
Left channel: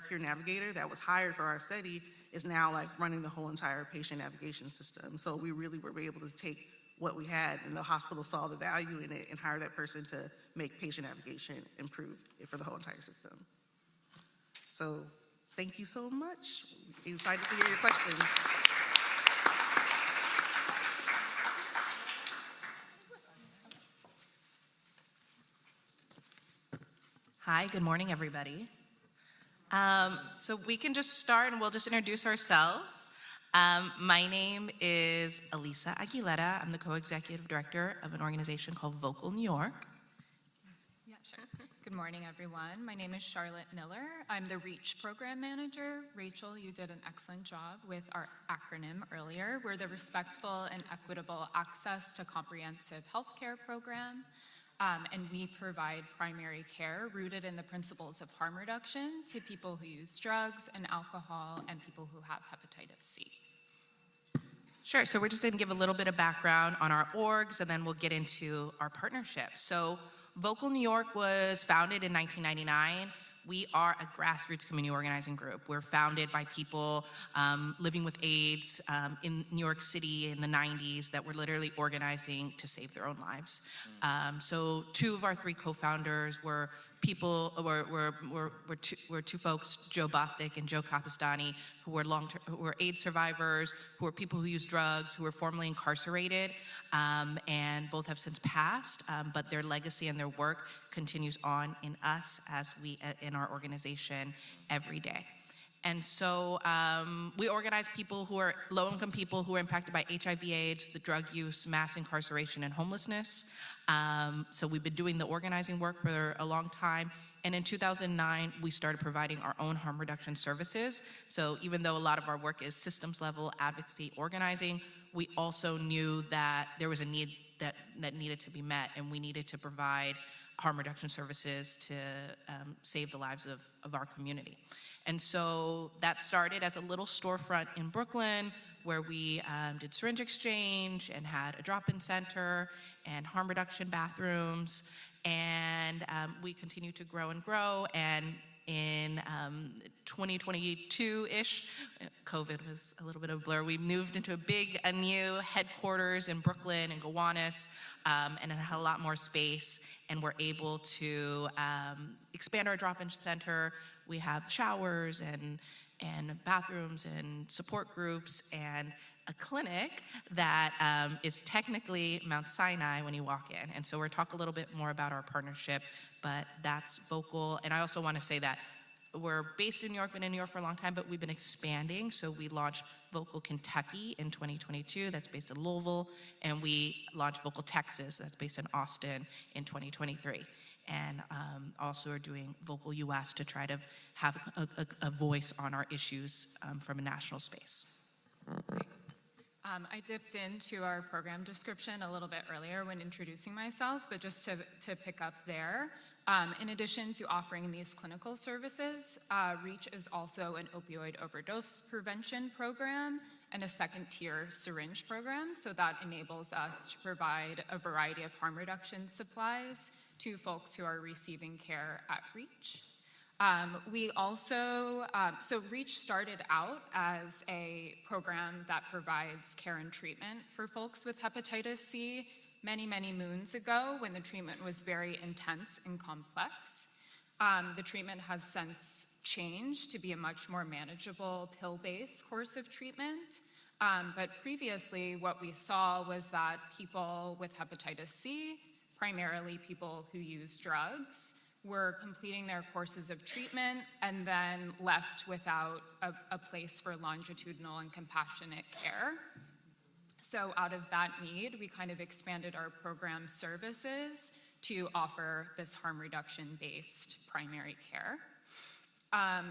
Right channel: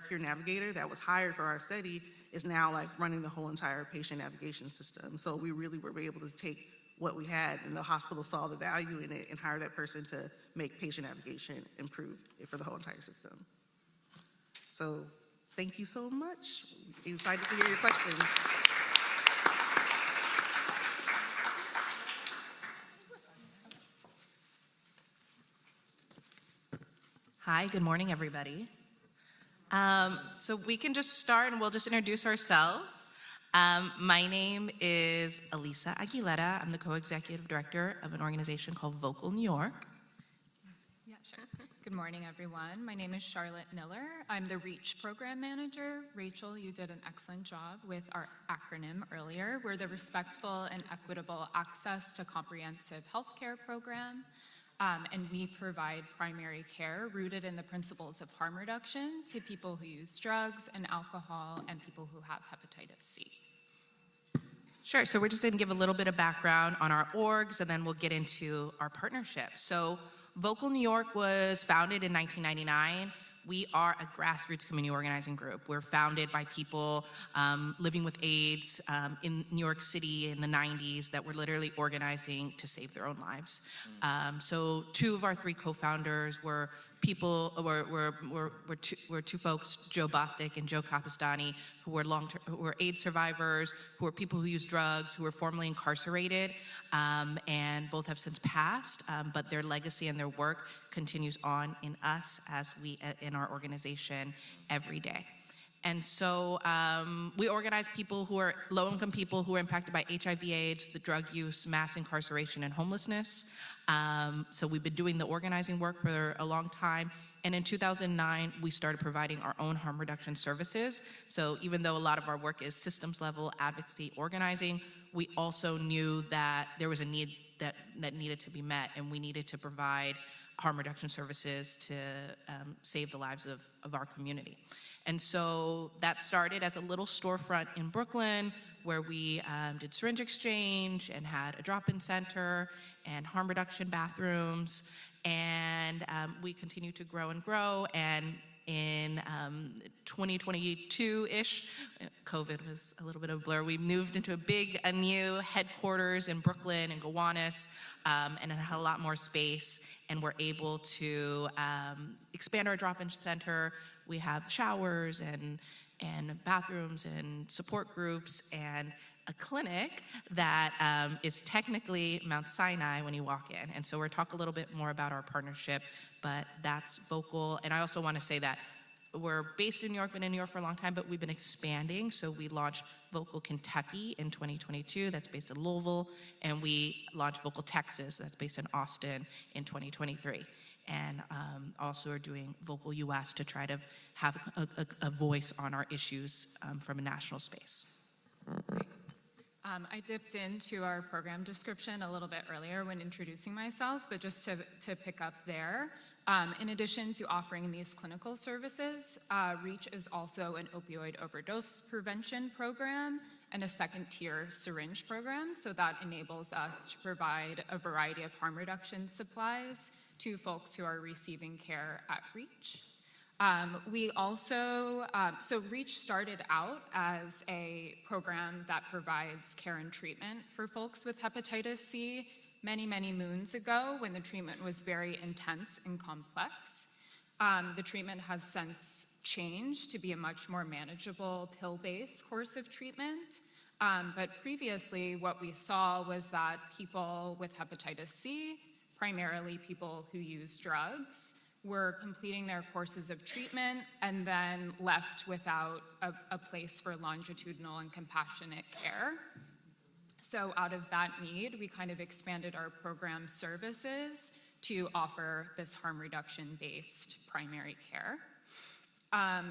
Cure Navigator that was hired for our study is now like running the whole entire patient navigation system. So we really were able to take what we had, and the hospital saw the value in it and hire that person to make patient navigation improve for the whole entire system. So thank you so much. Excited to hear your questions. Hi, good morning, everybody. So we can just start and we'll just introduce ourselves. My name is Alyssa Aguilera. I'm the co-executive director of an organization called Vocal New York. Yeah, sure. Good morning, everyone. My name is Charlotte Miller. I'm the REACH program manager. Rachel, you did an excellent job with our acronym earlier. We're the Respectful and Equitable Access to Comprehensive Healthcare program. And we provide primary care rooted in the principles of harm reduction to people who use drugs and alcohol and people who have hepatitis C. Sure, so we're just gonna give a little bit of background on our orgs and then we'll get into our partnership. So Vocal New York was founded in 1999. We are a grassroots community organizing group. We're founded by people living with AIDS in New York City in the 90s that were literally organizing to save their own lives. So two of our three co-founders were two folks, Joe Bostic and Joe Capistani, who were AIDS survivors, who were people who used drugs, who were formerly incarcerated, and both have since passed, but their legacy and their work continues on in us as we in our organization every day. And so we organize people who are low-income people who are impacted by HIV/AIDS, the drug use, mass incarceration, and homelessness. So we've been doing the organizing work for a long time. And in 2009, we started providing our own harm reduction services. So even though a lot of our work is systems level advocacy organizing, we also knew that there was a need that needed to be met, and we needed to provide harm reduction services to save the lives of our community. And so that started as a little storefront in Brooklyn where we did syringe exchange and had a drop-in center and harm reduction bathrooms. And we continue to grow and grow. And in 2022-ish, COVID was a little bit of a blur, we moved into a new headquarters in Brooklyn and Gowanus, and it had a lot more space. And we're able to expand our drop-in center. We have showers and bathrooms and support groups and a clinic that is technically Mount Sinai when you walk in. And so we'll talk a little bit more about our partnership, but that's Vocal. And I also want to say that we're based in New York, been in New York for a long time, but we've been expanding. So we launched Vocal Kentucky in 2022, that's based in Louisville, and we launched Vocal Texas, that's based in Austin in 2023. and also are doing Vocal US to try to have a voice on our issues from a national space. I dipped into our program description a little bit earlier when introducing myself, but just to pick up there, in addition to offering these clinical services, REACH is also an opioid overdose prevention program and a second-tier syringe program, so that enables us to provide a variety of harm reduction supplies to folks who are receiving care at REACH. We also, so REACH started out as a program that provides care and treatment for folks with hepatitis C many, many moons ago when the treatment was very intense and complex. The treatment has since changed to be a much more manageable pill-based course of treatment. But previously, what we saw was that people with hepatitis C, primarily people who use drugs, were completing their courses of treatment and then left without a place for longitudinal and compassionate care. So out of that need, we kind of expanded our program services to offer this harm reduction-based primary care.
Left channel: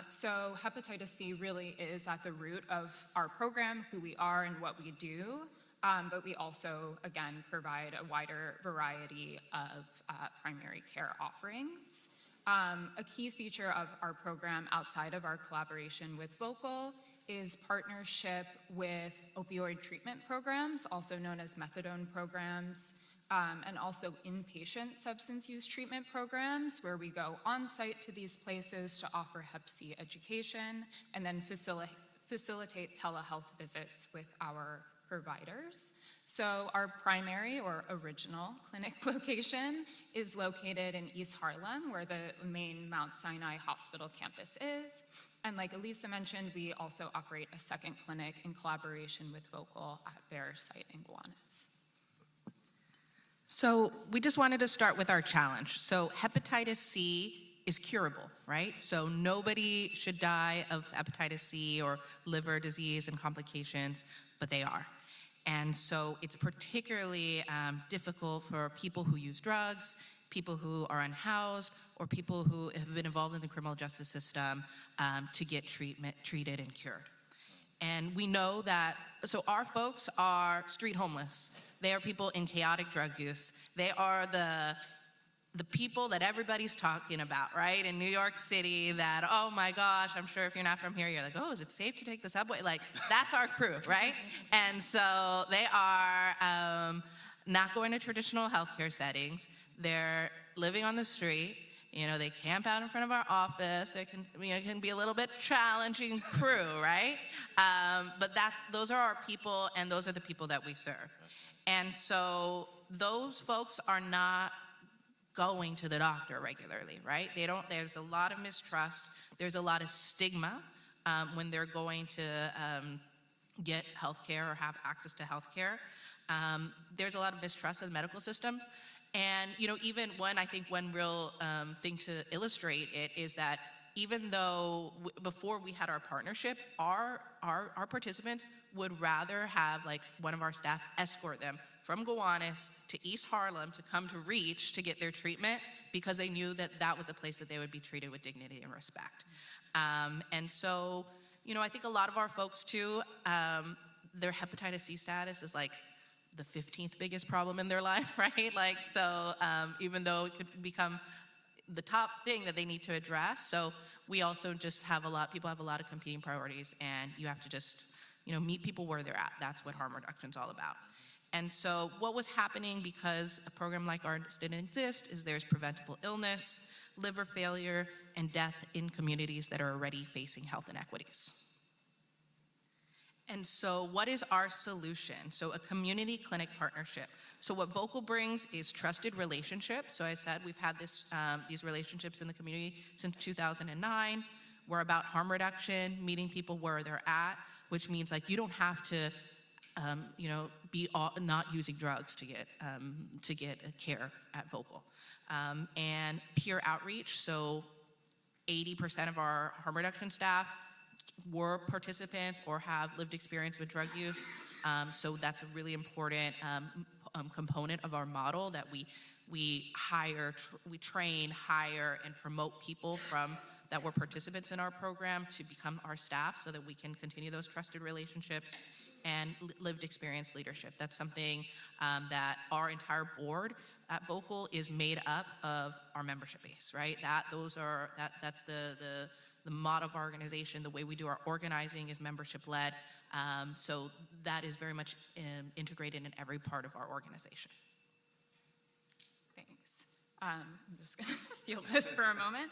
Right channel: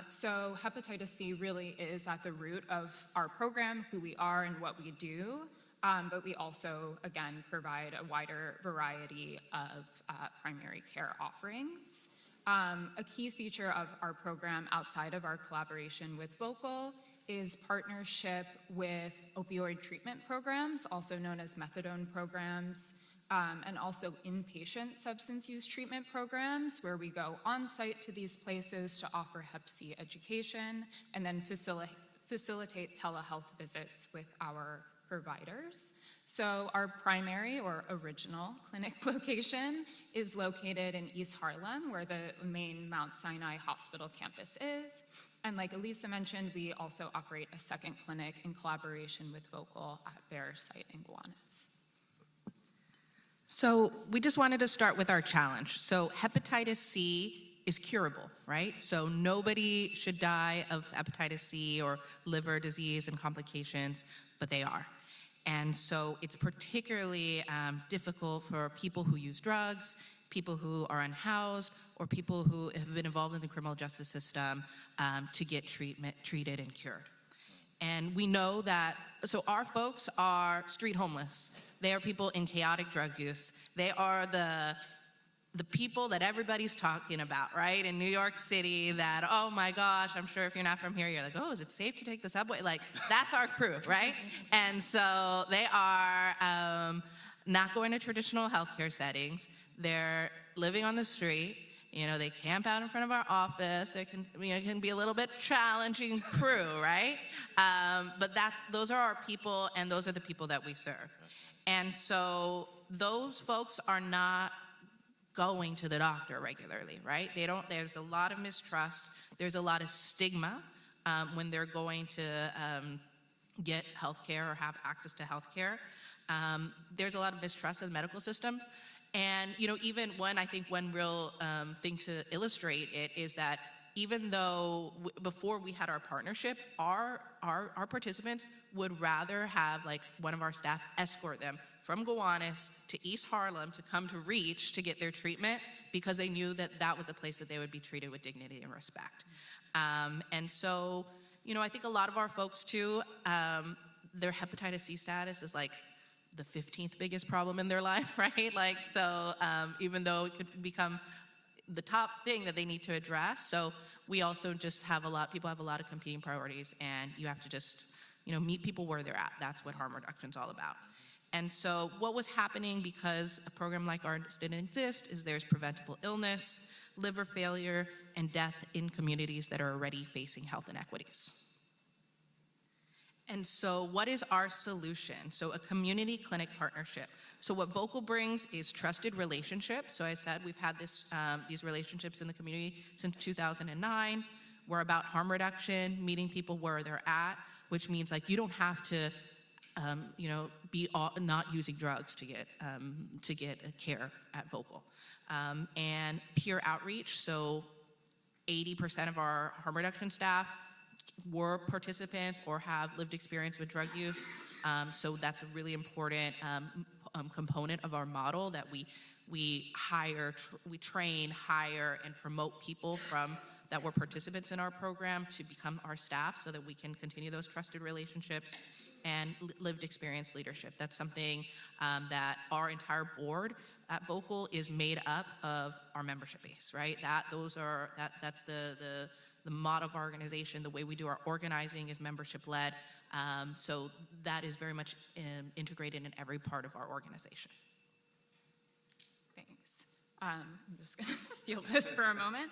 So hepatitis C really is at the root of our program, who we are and what we do, but we also, again, provide a wider variety of primary care offerings. A key feature of our program outside of our collaboration with Vocal is partnership with opioid treatment programs, also known as methadone programs, and also inpatient substance use treatment programs, where we go on site to these places to offer Hep C education and then facilitate telehealth visits with our providers. So our primary or original clinic location is located in East Harlem, where the main Mount Sinai Hospital campus is. And like Alyssa mentioned, we also operate a second clinic in collaboration with Vocal at their site in Gowanus. So we just wanted to start with our challenge. So hepatitis C is curable, right? So nobody should die of hepatitis C or liver disease and complications, but they are. And so it's particularly difficult for people who use drugs, people who are unhoused, or people who have been involved in the criminal justice system to get treated and cured. And we know that, so our folks are street homeless. They are people in chaotic drug use. They are the people that everybody's talking about, right? In New York City that, oh my gosh, I'm sure if you're not from here, you're like, oh, is it safe to take the subway? Like, that's our crew, right? And so they are not going to traditional healthcare settings. They're living on the street. You know, they camp out in front of our office. It can be a little bit challenging crew, right? But those are our people, and those are the people that we serve. And so those folks are not going to the doctor regularly, right? There's a lot of mistrust. There's a lot of stigma when they're going to get healthcare or have access to healthcare. There's a lot of mistrust in the medical systems. And, you know, even one real thing to illustrate it is that even though before we had our partnership, our participants would rather have like one of our staff escort them from Gowanus to East Harlem to come to REACH to get their treatment, because they knew that that was a place that they would be treated with dignity and respect. And so, you know, I think a lot of our folks too, their hepatitis C status is like the 15th biggest problem in their life, right? Like, so even though it could become the top thing that they need to address. So we also just have people have a lot of competing priorities, and you have to just, you know, meet people where they're at. That's what harm reduction is all about. And so what was happening, because a program like ours didn't exist, is there's preventable illness, liver failure, and death in communities that are already facing health inequities. And so what is our solution? So a community clinic partnership. So what Vocal brings is trusted relationships. So I said we've had these relationships in the community since 2009. We're about harm reduction, meeting people where they're at, which means like you don't have to you know, be not using drugs to get care at Vocal. And peer outreach. So 80% of our harm reduction staff were participants or have lived experience with drug use. So that's a really important component of our model, that we train, hire, and promote people that were participants in our program to become our staff so that we can continue those trusted relationships and lived experience leadership. That's something that our entire board at Vocal is made up of our membership base, right? That's the motto of our organization. The way we do our organizing is membership led. So that is very much integrated in every part of our organization. Thanks. I'm just going to steal this for a moment.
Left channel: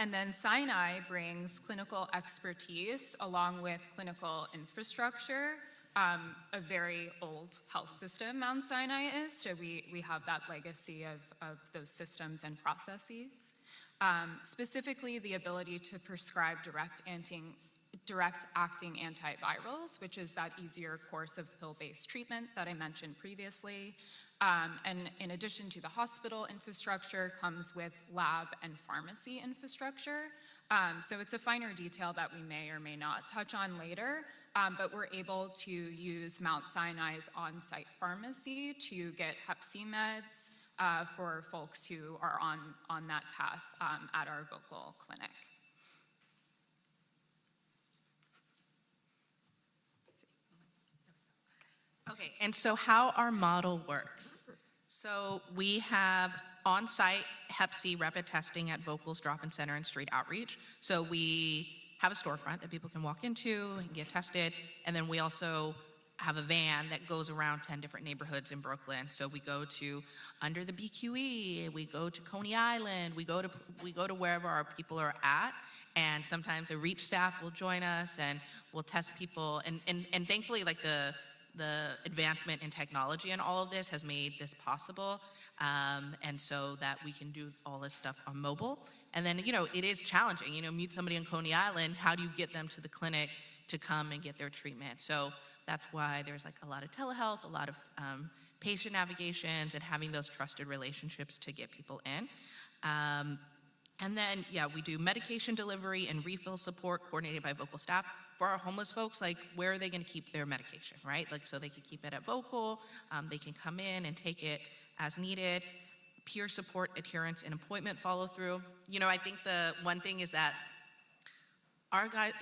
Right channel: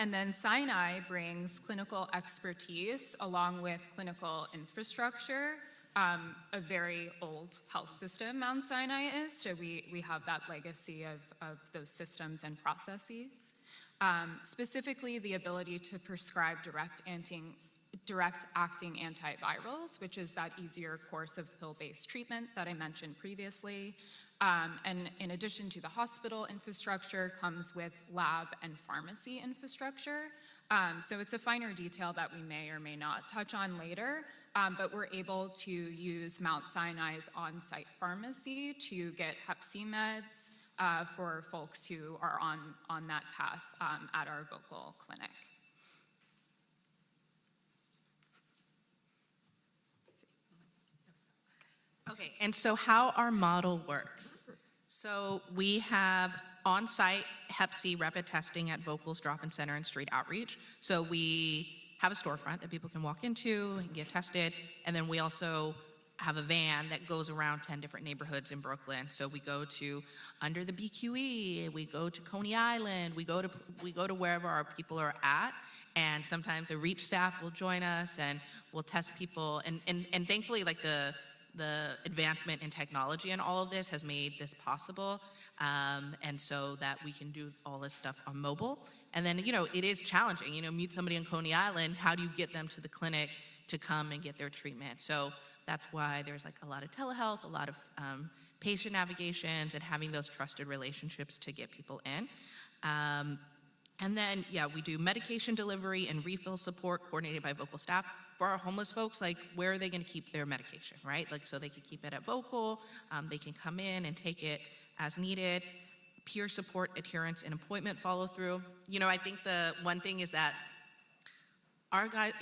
And then Sinai brings clinical expertise along with clinical infrastructure. A very old health system, Mount Sinai is, so we have that legacy of those systems and processes. Specifically, the ability to prescribe direct-acting antivirals, which is that easier course of pill-based treatment that I mentioned previously. And in addition to the hospital infrastructure comes with lab and pharmacy infrastructure. So it's a finer detail that we may or may not touch on later, but we're able to use Mount Sinai's on-site pharmacy to get Hep C meds for folks who are on that path at our Vocal clinic. Okay, and so how our model works. So we have on-site Hep C rapid testing at Vocal's drop-in center and street outreach. So we have a storefront that people can walk into and get tested, and then we also have a van that goes around 10 different neighborhoods in Brooklyn. So we go to under the BQE, we go to Coney Island, we go to wherever our people are at, and sometimes a reach staff will join us and we'll test people, and thankfully like the advancement in technology and all of this has made this possible, and so that we can do all this stuff on mobile. And then, it is challenging, meet somebody in Coney Island, how do you get them to the clinic to come and get their treatment? So that's why there's like a lot of telehealth, a lot of patient navigations, and having those trusted relationships to get people in. And then, we do medication delivery and refill support coordinated by Vocal staff. For our homeless folks, like, where are they going to keep their medication, right? Like, so they can keep it at Vocal, they can come in and take it as needed. Peer support, adherence, and appointment follow through. I think the one thing is that our guys,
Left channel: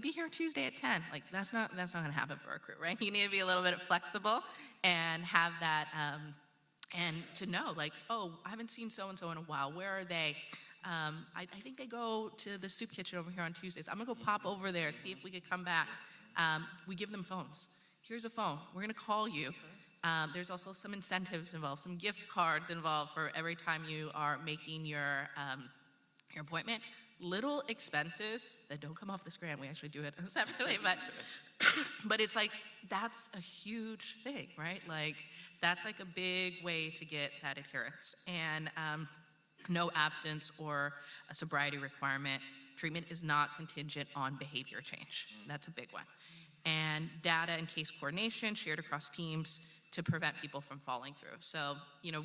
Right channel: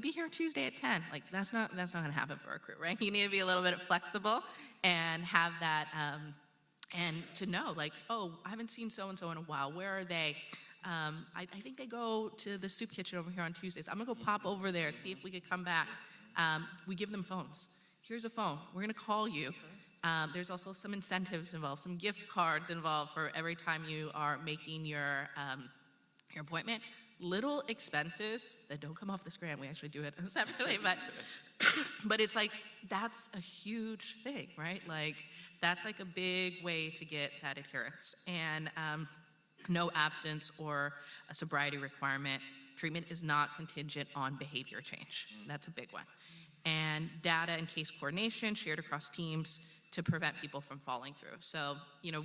be here Tuesday at 10. Like, that's not going to happen for our crew, right? You need to be a little bit flexible and have that, and to know, like, oh, I haven't seen so-and-so in a while. Where are they? I think they go to the soup kitchen over here on Tuesdays. I'm gonna go pop over there, see if we could come back. We give them phones. Here's a phone. We're gonna call you. There's also some incentives involved, some gift cards involved for every time you are making your appointment. Little expenses that don't come off the screen. We actually do it separately, but it's like, that's a huge thing, right? Like, that's like a big way to get that adherence. And no abstinence or a sobriety requirement. Treatment is not contingent on behavior change. That's a big one. And data and case coordination shared across teams to prevent people from falling through. So,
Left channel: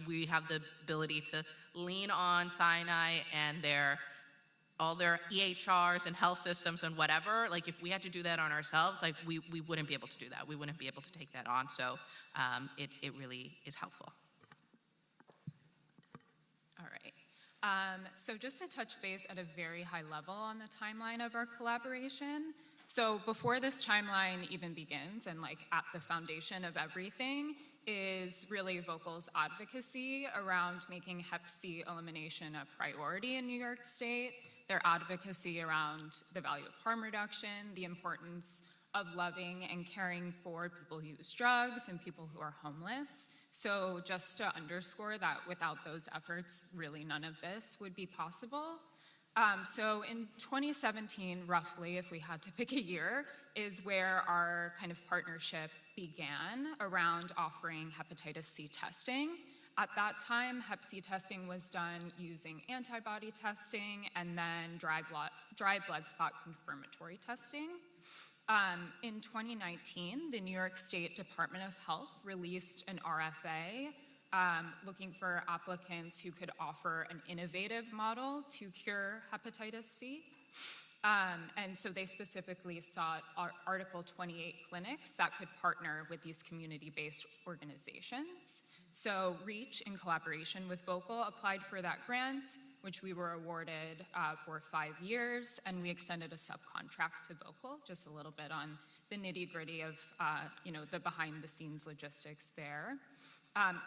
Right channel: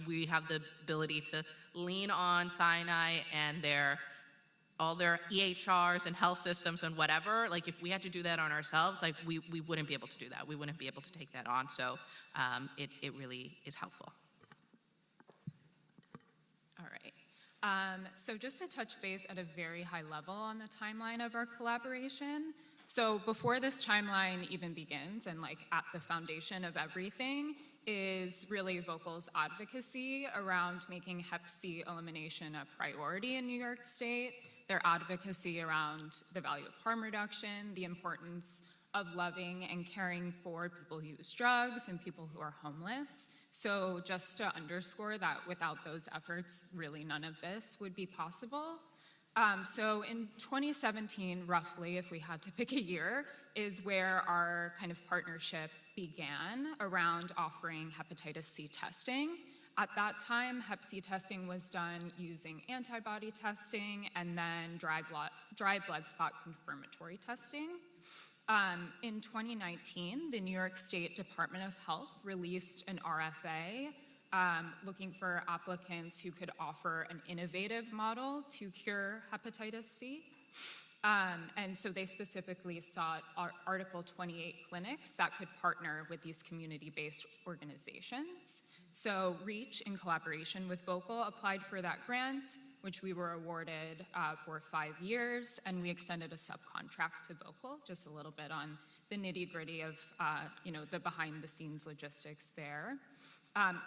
we have the ability to lean on Sinai and all their EHRs and health systems and whatever. Like, if we had to do that on ourselves, like, we wouldn't be able to do that. We wouldn't be able to take that on. So it really is helpful. All right. So just to touch base at a very high level on the timeline of our collaboration. So before this timeline even begins, and like at the foundation of everything, is really Vocal's advocacy around making Hep C elimination a priority in New York State, their advocacy around the value of harm reduction, the importance of loving and caring for people who use drugs and people who are homeless. So just to underscore that without those efforts, really none of this would be possible. So in 2017, roughly, if we had to pick a year, is where our kind of partnership began around offering hepatitis C testing. At that time, Hep C testing was done using antibody testing and then dry blood spot confirmatory testing. In 2019, the New York State Department of Health released an RFA looking for applicants who could offer an innovative model to cure hepatitis C. And so they specifically sought Article 28 clinics that could partner with these community-based organizations. So REACH, in collaboration with Vocal, applied for that grant, which we were awarded for 5 years, and we extended a subcontract to Vocal, just a little bit on the nitty-gritty of the behind-the-scenes logistics there.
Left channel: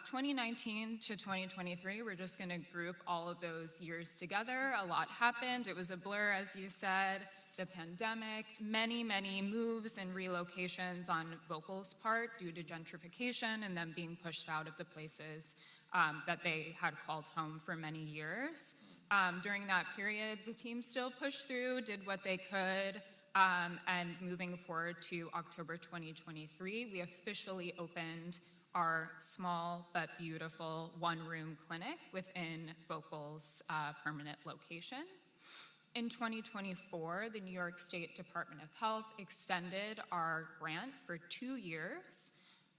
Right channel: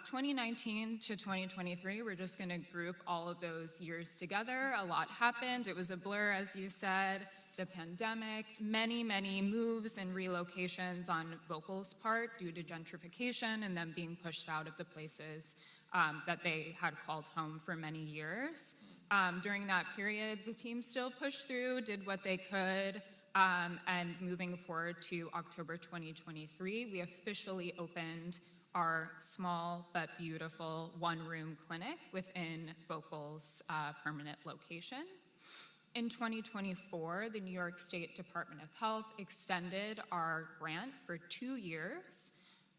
2019 to 2023, we're just going to group all of those years together. A lot happened. It was a blur, as you said. The pandemic, many, many moves and relocations on Vocal's part due to gentrification and them being pushed out of the places that they had called home for many years. During that period, the team still pushed through, did what they could, and moving forward to October 2023, we officially opened our small but beautiful one-room clinic within Vocal's permanent location. In 2024, the New York State Department of Health extended our grant for 2 years.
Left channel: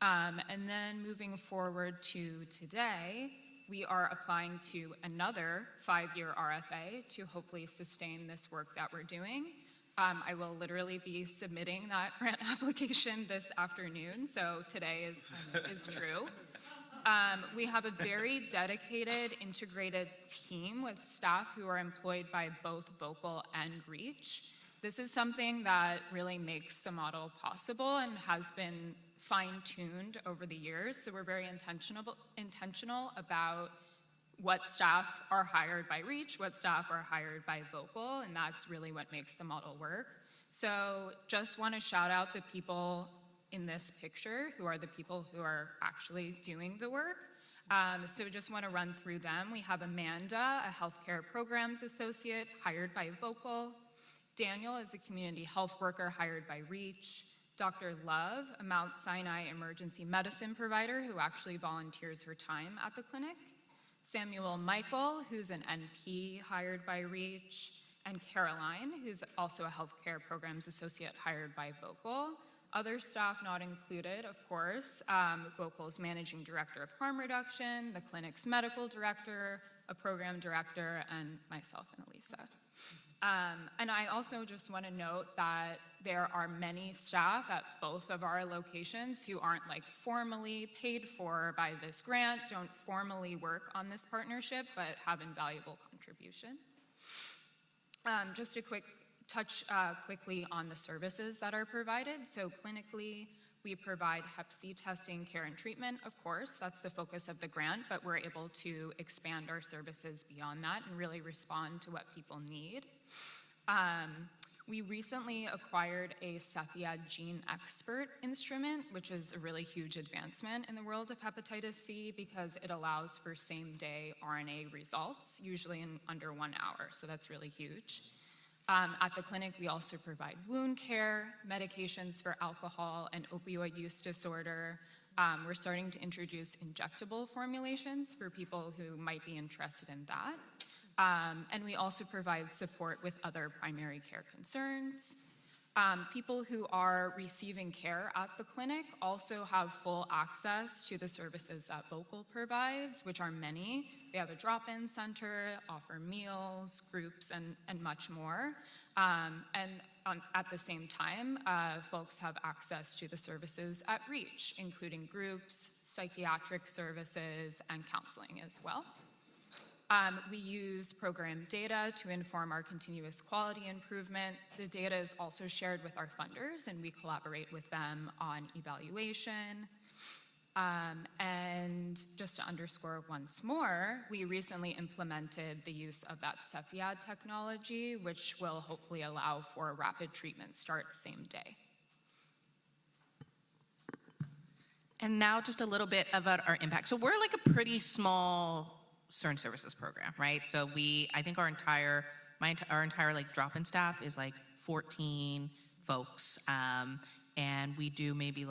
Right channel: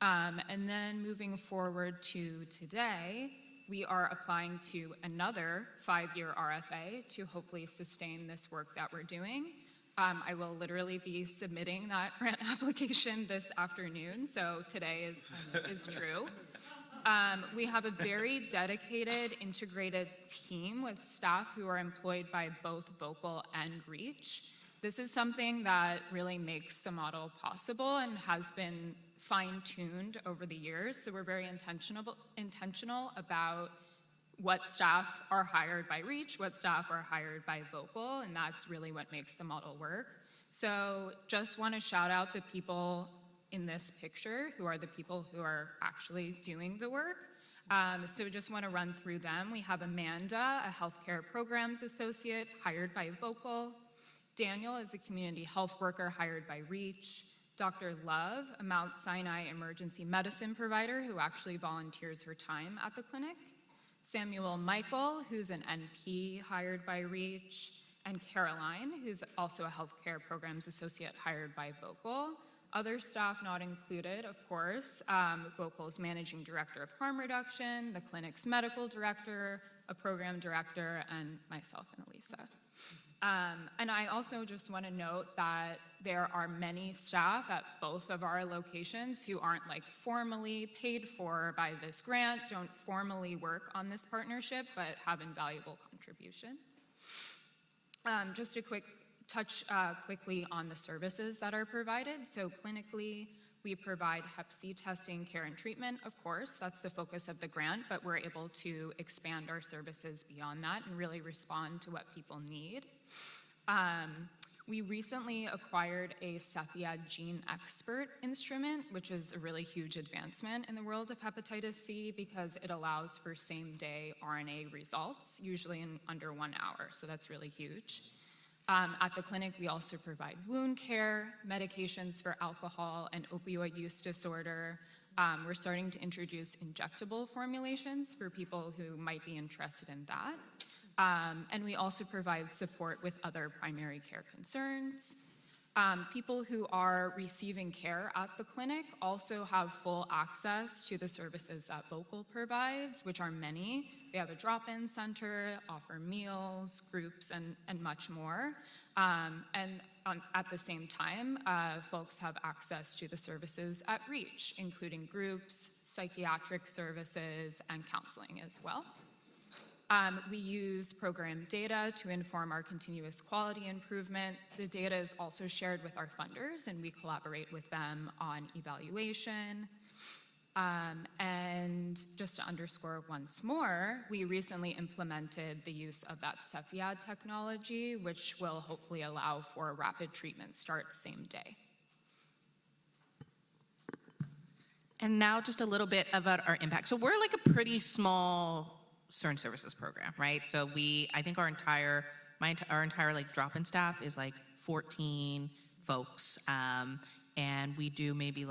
And then moving forward to today, we are applying to another 5-year RFA to hopefully sustain this work that we're doing. I will literally be submitting that grant application this afternoon, so today is true. We have a very dedicated, integrated team with staff who are employed by both Vocal and REACH. This is something that really makes the model possible and has been fine-tuned over the years. So we're very intentional about what staff are hired by REACH, what staff are hired by Vocal, and that's really what makes the model work. So just want to shout out the people in this picture who are the people who are actually doing the work. So just want to run through them. We have Amanda, a healthcare programs associate hired by Vocal. Daniel is a community health worker hired by REACH. Dr. Love, a Mount Sinai emergency medicine provider who actually volunteers her time at the clinic. Samuel Michael, who's an NP hired by REACH. And Caroline, who's also a healthcare programs associate hired by Vocal. Other staff not included, of course, Vocal's managing director of harm reduction, the clinic's medical director, a program director, and myself and Alyssa. And I also just want to note that there are many staff at both of our locations who aren't formally paid for by this grant, don't formally work on this partnership, but have invaluable contributions. Just a quick touch quickly on the services that are provided. So clinically, we provide Hep C testing, care, and treatment, of course. That's the focus of the grant, but we're able to expand our services beyond that and really respond to what people need. We recently acquired a Cepheid Gene Expert instrument, which is a really huge advancement in the world of hepatitis C because it allows for same-day RNA results, usually in under 1 hour, so that's really huge. At the clinic, we also provide wound care, medications for alcohol and opioid use disorder. We're starting to introduce injectable formulations for people who might be interested in that. And we also provide support with other primary care concerns. People who are receiving care at the clinic also have full access to the services that Vocal provides, which are many. They have a drop-in center, offer meals, groups, and much more. At the same time, folks have access to the services at REACH, including groups, psychiatric services, and counseling as well. We use program data to inform our continuous quality improvement. The data is also shared with our funders, and we collaborate with them on evaluation. And just to underscore once more, we recently implemented the use of that Cepheid technology, which will hopefully allow for rapid treatment start same day. And now just a little bit about our impact. So we're like a pretty small CERN services program, right? So I think our entire drop-in staff is 14 folks, and we do maybe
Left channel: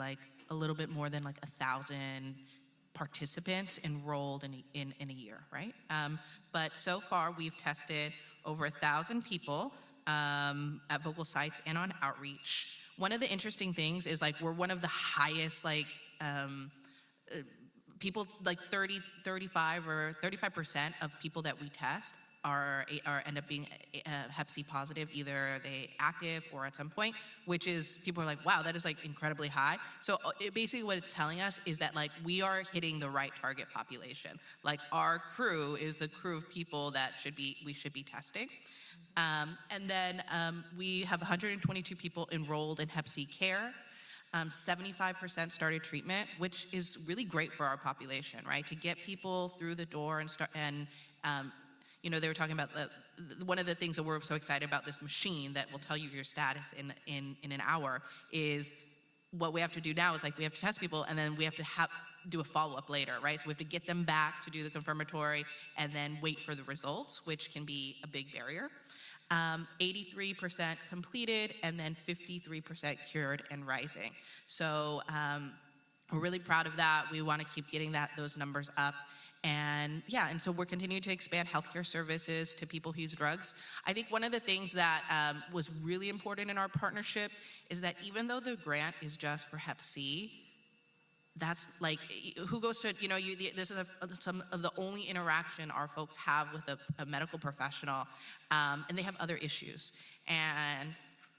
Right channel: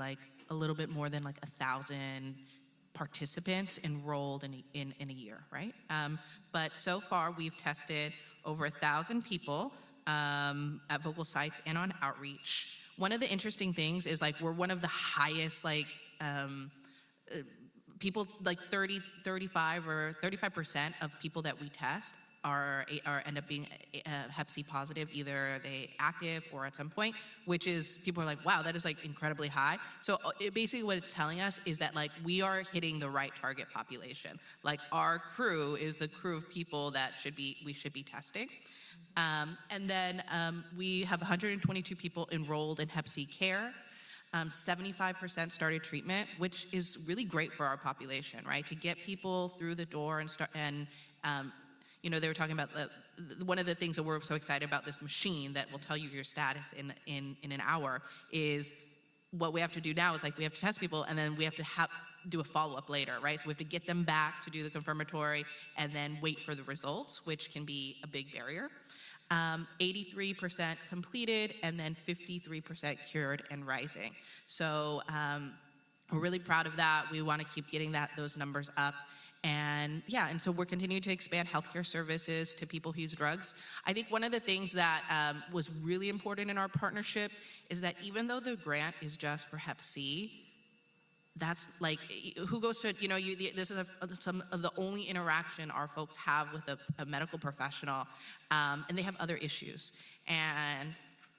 a little bit more than 1,000 participants enrolled in a year, right? But so far we've tested over 1,000 people at Vocal sites and on outreach. One of the interesting things is we're one of the highest people 35% of people that we test end up being Hep C positive, either they active or at some point, which is, people are like, wow, that is like incredibly high. So basically what it's telling us is that like we are hitting the right target population. Like our crew is the crew of people that we should be testing. And then we have 122 people enrolled in Hep C care. 75% started treatment, which is really great for our population, right? To get people through the door and start, and you know, they were talking about one of the things that we're so excited about this machine that will tell you your status in an hour is what we have to do now is like we have to test people and then we have to do a follow-up later, right? So we have to get them back to do the confirmatory and then wait for the results, which can be a big barrier. 83% completed, and then 53% cured and rising. So we're really proud of that. We want to keep getting those numbers up. And yeah, and so we're continuing to expand healthcare services to people who use drugs. I think one of the things that was really important in our partnership is that even though the grant is just for Hep C, that's like, who goes to, you know, this is some of the only interaction our folks have with a medical professional, and they have other issues. And,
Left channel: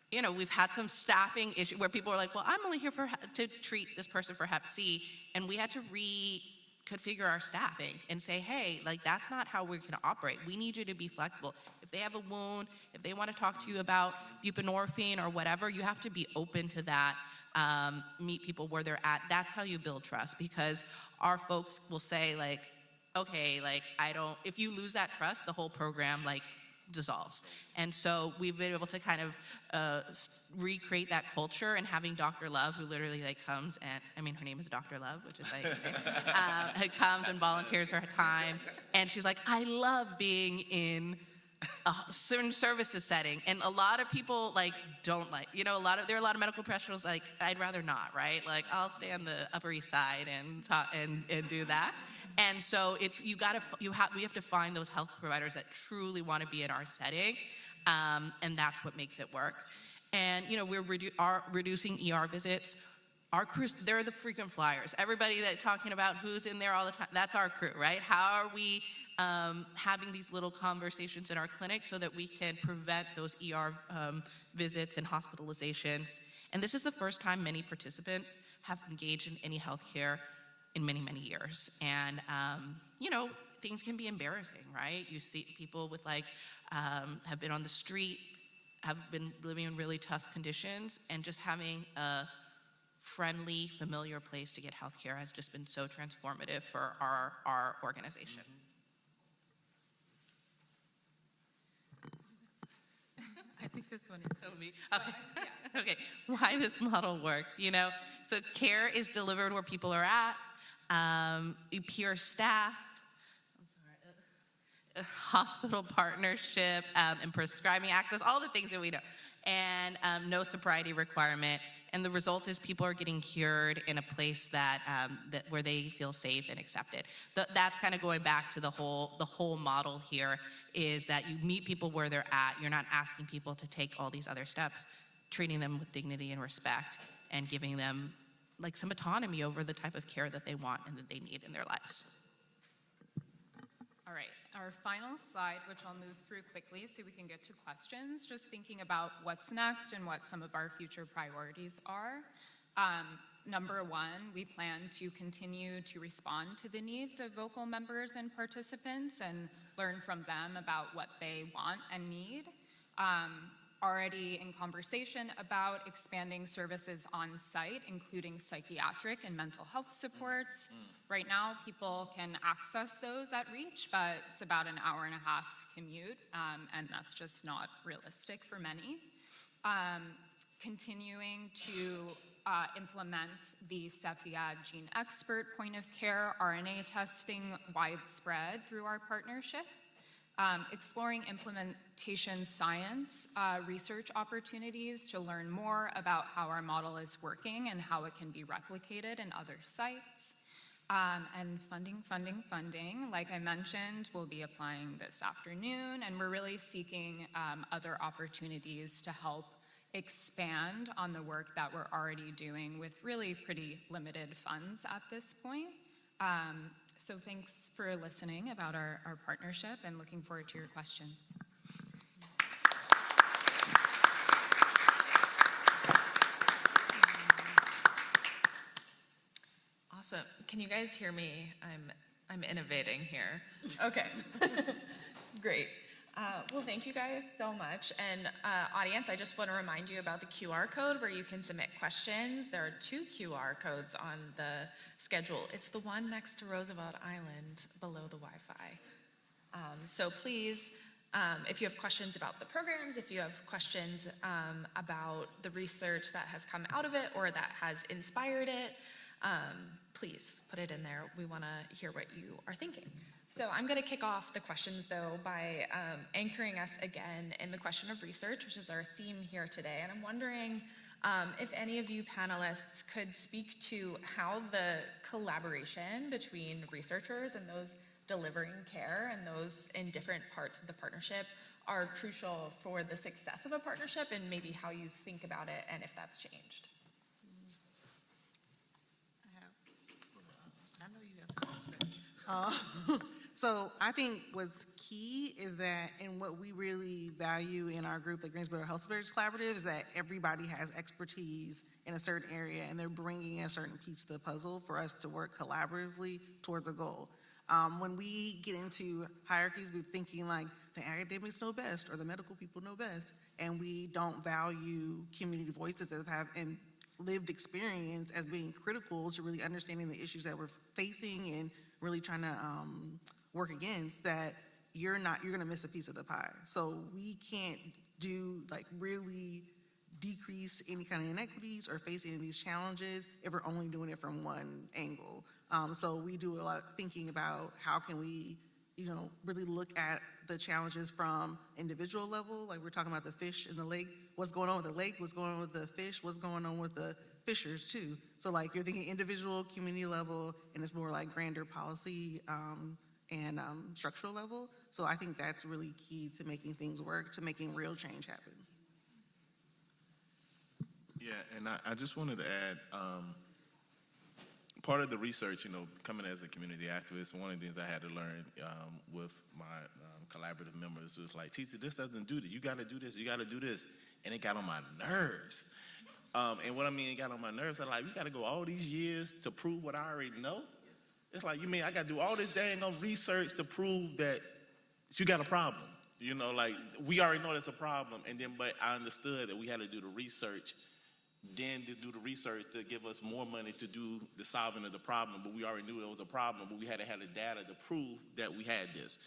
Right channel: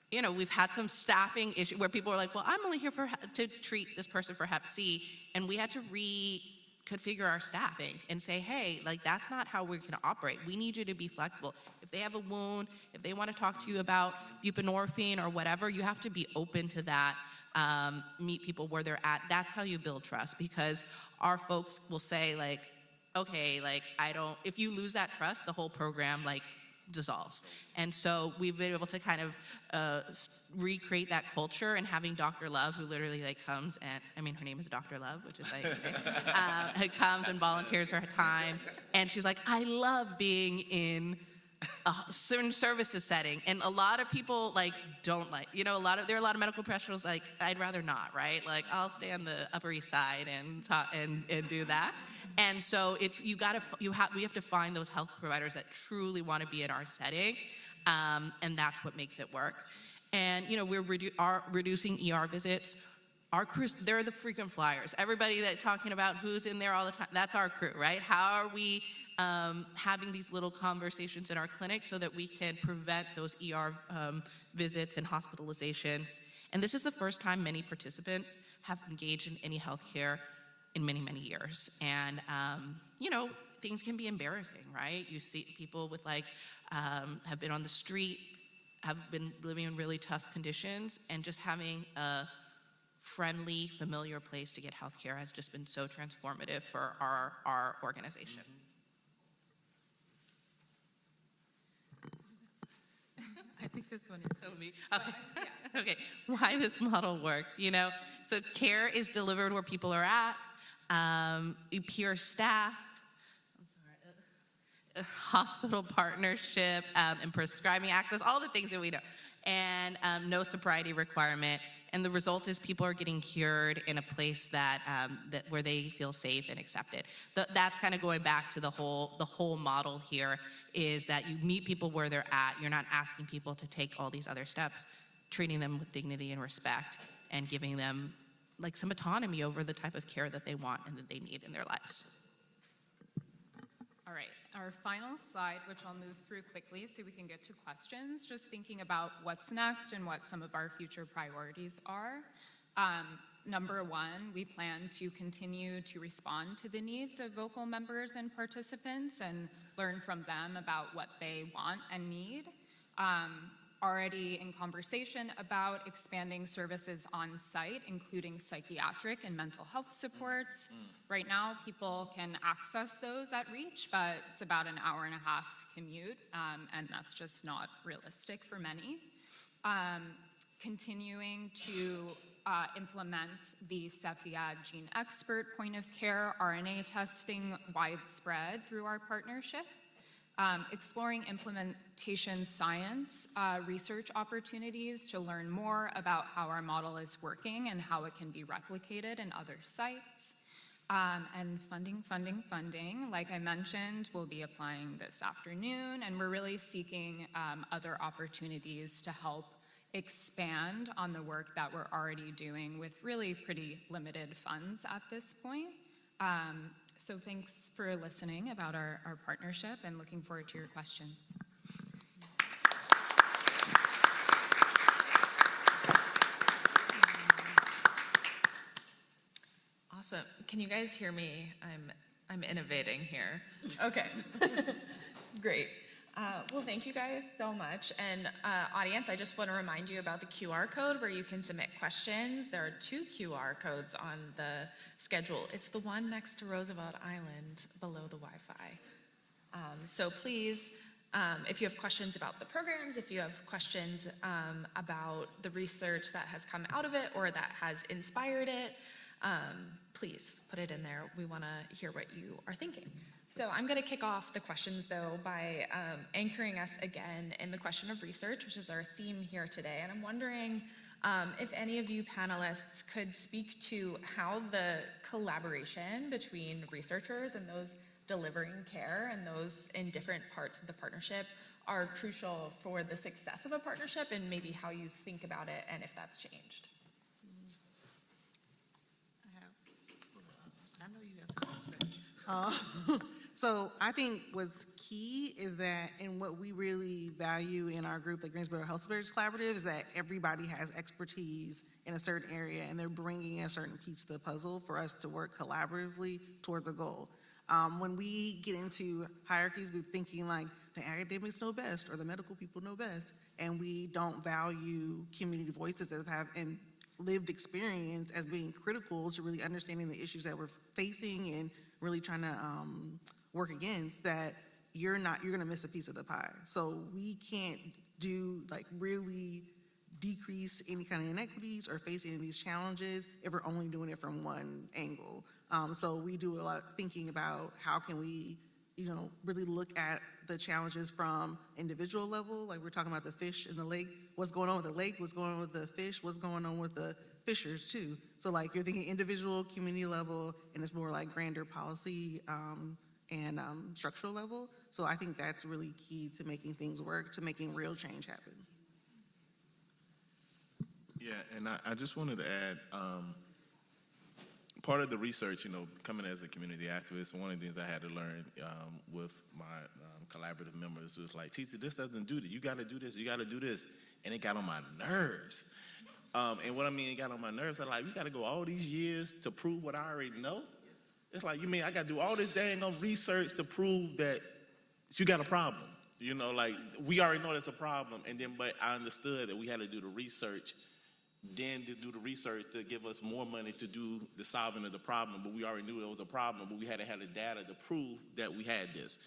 you know, we've had some staffing issue where people are like, well, I'm only here to treat this person for Hep C, and we had to reconfigure our staffing and say, hey, like, that's not how we're going to operate. We need you to be flexible. If they have a wound, if they want to talk to you about buprenorphine or whatever, you have to be open to that. Meet people where they're at. That's how you build trust, because our folks will say like, okay, like if you lose that trust, the whole program like dissolves. And so we've been able to kind of recreate that culture, and having Dr. Love, who literally like comes and, I mean, her name is Dr. Love, which is like, comes and volunteers her time. And she's like, I love being in a certain services setting, and a lot of people like don't like, you know, there are a lot of medical professionals like, I'd rather not, right? Like, I'll stay on the Upper East Side and talk and do that. And so it's we have to find those health providers that truly want to be in our setting, and that's what makes it work. And you know, we're reducing ER visits. Our crews, they're the frequent flyers. Everybody that's talking about who's in there all the time, that's our crew, right? How are we having these little conversations in our clinic so that we can prevent those ER visits and hospitalizations? And this is the first time many participants have engaged in any healthcare in many, many years. And, you know, things can be embarrassing, right? You see people with like, have been on the street, have been living in really tough conditions, and just having a friendly, familiar place to get healthcare has just been so transformative for our organization. I think this one is so me. Okay. Okay, why this model works, you know? So care is delivered where people are at, peer staff, hospital partnership, and prescribing access, all the things that we know, and no sobriety requirement. And the result is people are getting cured in a place that where they feel safe and accepted. That's kind of going back to the whole model here, is that you meet people where they're at. You're not asking people to take all these other steps, treating them with dignity and respect, and giving them like some autonomy over the type of care that they want and that they need in their lives. All right, our final slide, which I'll move through quickly so we can get to questions, just thinking about what's next and what some of our future priorities are. Number one, we plan to continue to respond to the needs of vocal members and participants and learn from them about what they want and need. Already in conversation about expanding services on site, including psychiatric and mental health supports. Right now, people can access those at Reach, but it's about an hour-and-a-half commute, and that's just not realistic for many. Continuing to implement the Cepheid Gene Expert point of care RNA testing widespread through our partnership. Exploring implementation science research opportunities to learn more about how our model is working and how it can be replicated in other sites. And funding. Like I mentioned, we'll be applying this afternoon, and we're really seeking other opportunities to help expand on the work that we're already doing with really pretty limited funds at this point. So thanks for listening about our partnership and looking forward to your questions. Awesome. Can you guys hear me? I'm innovating here. Okay. Great. Well, thank you guys so much. And audience, I just want to remind you about the QR code where you can submit questions. There are 2 QR codes on the schedule. It's the one next to Roosevelt Island below the Wi-Fi. So please, if you have questions about the programs, if you have questions about the research that has come out of it or that has inspired it, please put it in there. We want to hear what you are thinking. So I'm going to kick off the questions, though, by anchoring us again in the question of research, which is our theme here today. And I'm wondering if any of you panelists could speak to how the collaboration between researchers and those delivering care and those in different parts of the partnership are crucial for the success of a partnership, and maybe how you think about it and if that's changed. So I think what's key is that, and what we really value in our group, the Greensboro Health Disparities Collaborative, is that everybody has expertise in a certain area and they're bringing a certain piece to the puzzle for us to work collaboratively towards a goal. When we get into hierarchies, we're thinking like the academics know best or the medical people know best, and we don't value community voices that have and lived experience as being critical to really understanding the issues that we're facing and really trying to work against, that you're going to miss a piece of the pie. So we can't do like really decrease any kind of inequities or face any of these challenges if we're only doing it from one angle. So we do a lot of thinking about how can we, really look at the challenges from individual level. Like we're talking about the fish in the lake, what's going on with the lake, what's going on with the fish, what's going on with the fishers too. So like you're thinking individual, community level, and it's more like grander policy and structural level. So I think that's really key to making things work, to making real change happen. Yeah, and I just wanted to add, part of the research, coming as a community activist, one of the things I had to learn with my collaborative members was like, teacher, this doesn't do that. You got to do this. You got to do this. And it got on my nerves. And what I mean, it got on my nerves, I'm like, we got to go all these years to prove what I already know? It's like, you mean I got to do all this dang on research to prove that you got a problem? Like, we already know there's a problem. And then, but I understood that we had to do the research, then to do the research to give us more money to do the solving of the problem. But we already knew there was a problem, but we had to have the data to prove that we had this.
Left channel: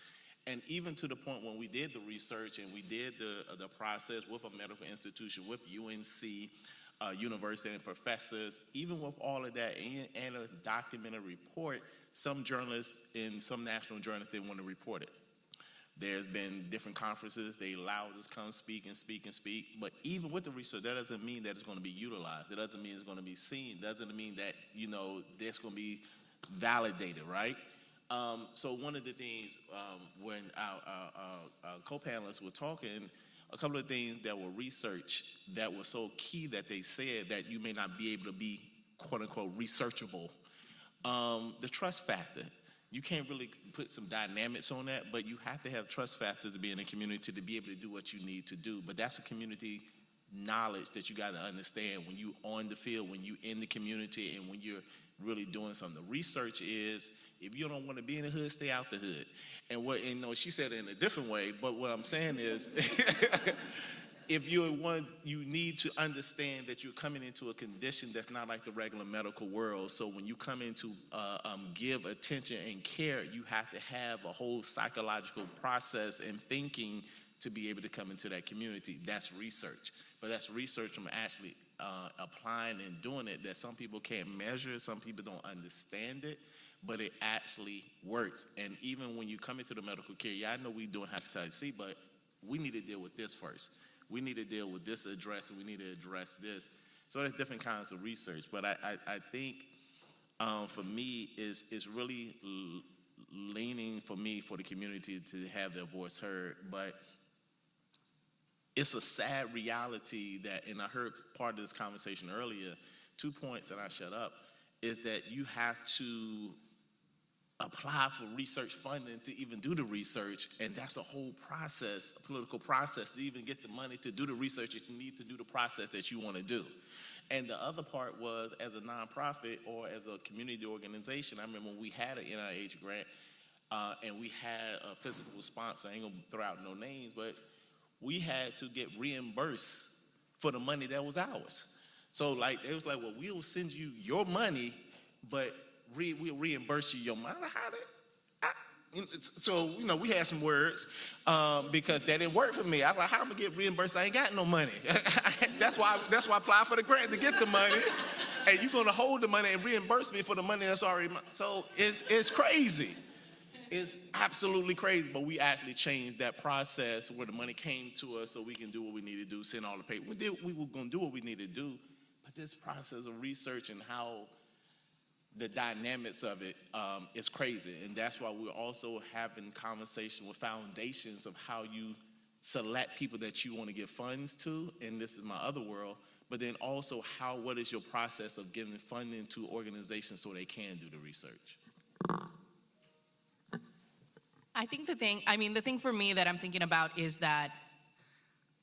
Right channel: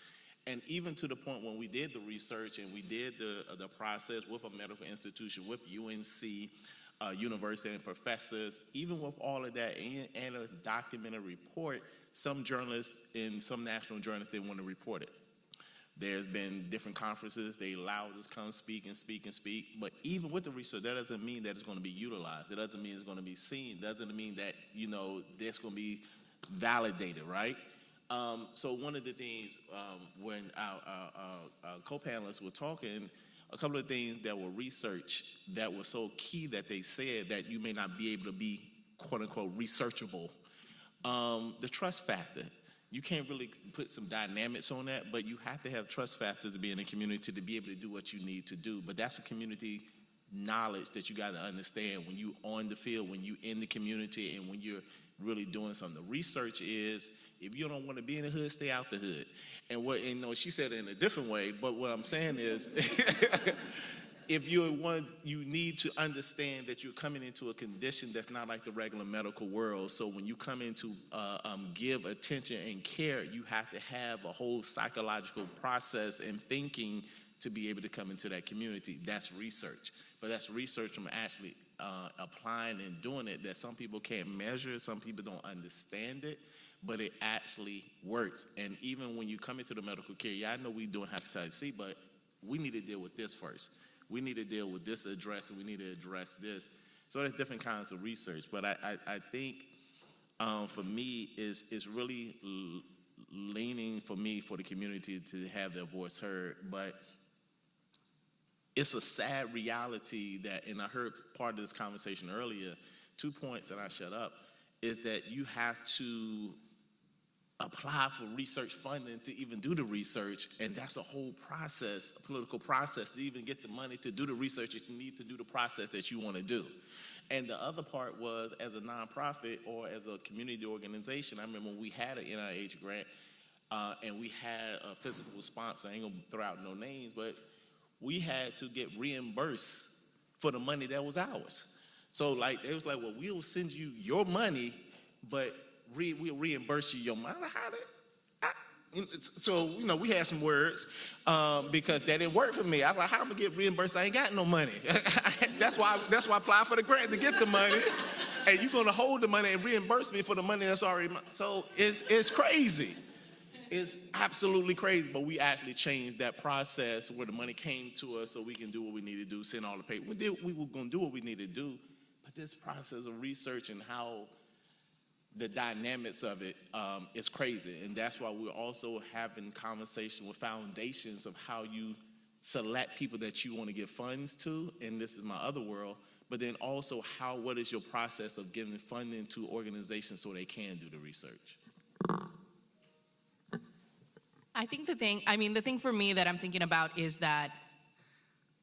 And even to the point when we did the research and we did the process with a medical institution, with UNC, university and professors, even with all of that and a documented report, some journalists in some national journals didn't want to report it. There's been different conferences, they allowed us to come speak and speak and speak, but even with the research, that doesn't mean that it's going to be utilized. It doesn't mean it's going to be seen. It doesn't mean that, that's going to be validated, right? So one of the things when our co-panelists were talking, a couple of things that were researched that were so key that they said that you may not be able to be, quote unquote, researchable. The trust factor. You can't really put some dynamics on that, but you have to have trust factors to be in a community to be able to do what you need to do. But that's a community knowledge that you got to understand when you on the field, when you in the community, and when you're really doing something. The research is, if you don't want to be in the hood, stay out the hood. And she said it in a different way, but what I'm saying is, if you need to understand that you're coming into a condition that's not like the regular medical world. So when you come in to give attention and care, you have to have a whole psychological process and thinking to be able to come into that community. That's research. But that's research from actually applying and doing it that some people can't measure, some people don't understand it, but it actually works. And even when you come into the medical care, I know we doing hepatitis C, but we need to deal with this first. We need to deal with this address, and we need to address this. So there's different kinds of research. But I think for me, is really leaning for me for the community to have their voice heard. But it's a sad reality that, and I heard part of this conversation earlier, 2 points that I shut up, is that you have to apply for research funding to even do the research, and that's a whole process, a political process, to even get the money to do the research. You need to do the process that you want to do. And the other part was, as a nonprofit or as a community organization, I remember when we had an NIH grant, and we had a physical sponsor. I ain't gonna throw out no names, but we had to get reimbursed for the money that was ours. So like, it was like, well, we'll send you your money, but we'll reimburse you your money. So, we had some words because that didn't work for me. I was like, how am I gonna get reimbursed? I ain't got no money. That's why I applied for the grant, to get the money. And you're gonna hold the money and reimburse me for the money that's already mine. So it's crazy. It's absolutely crazy, but we actually changed that process where the money came to us so we can do what we need to do, send all the paper. We were going to do what we need to do, but this process of research and how the dynamics of it is crazy, and that's why we're also having conversation with foundations of how you select people that you want to give funds to, and this is my other world, but then also what is your process of giving funding to organizations so they can do the research? I think the thing for me that I'm thinking about is that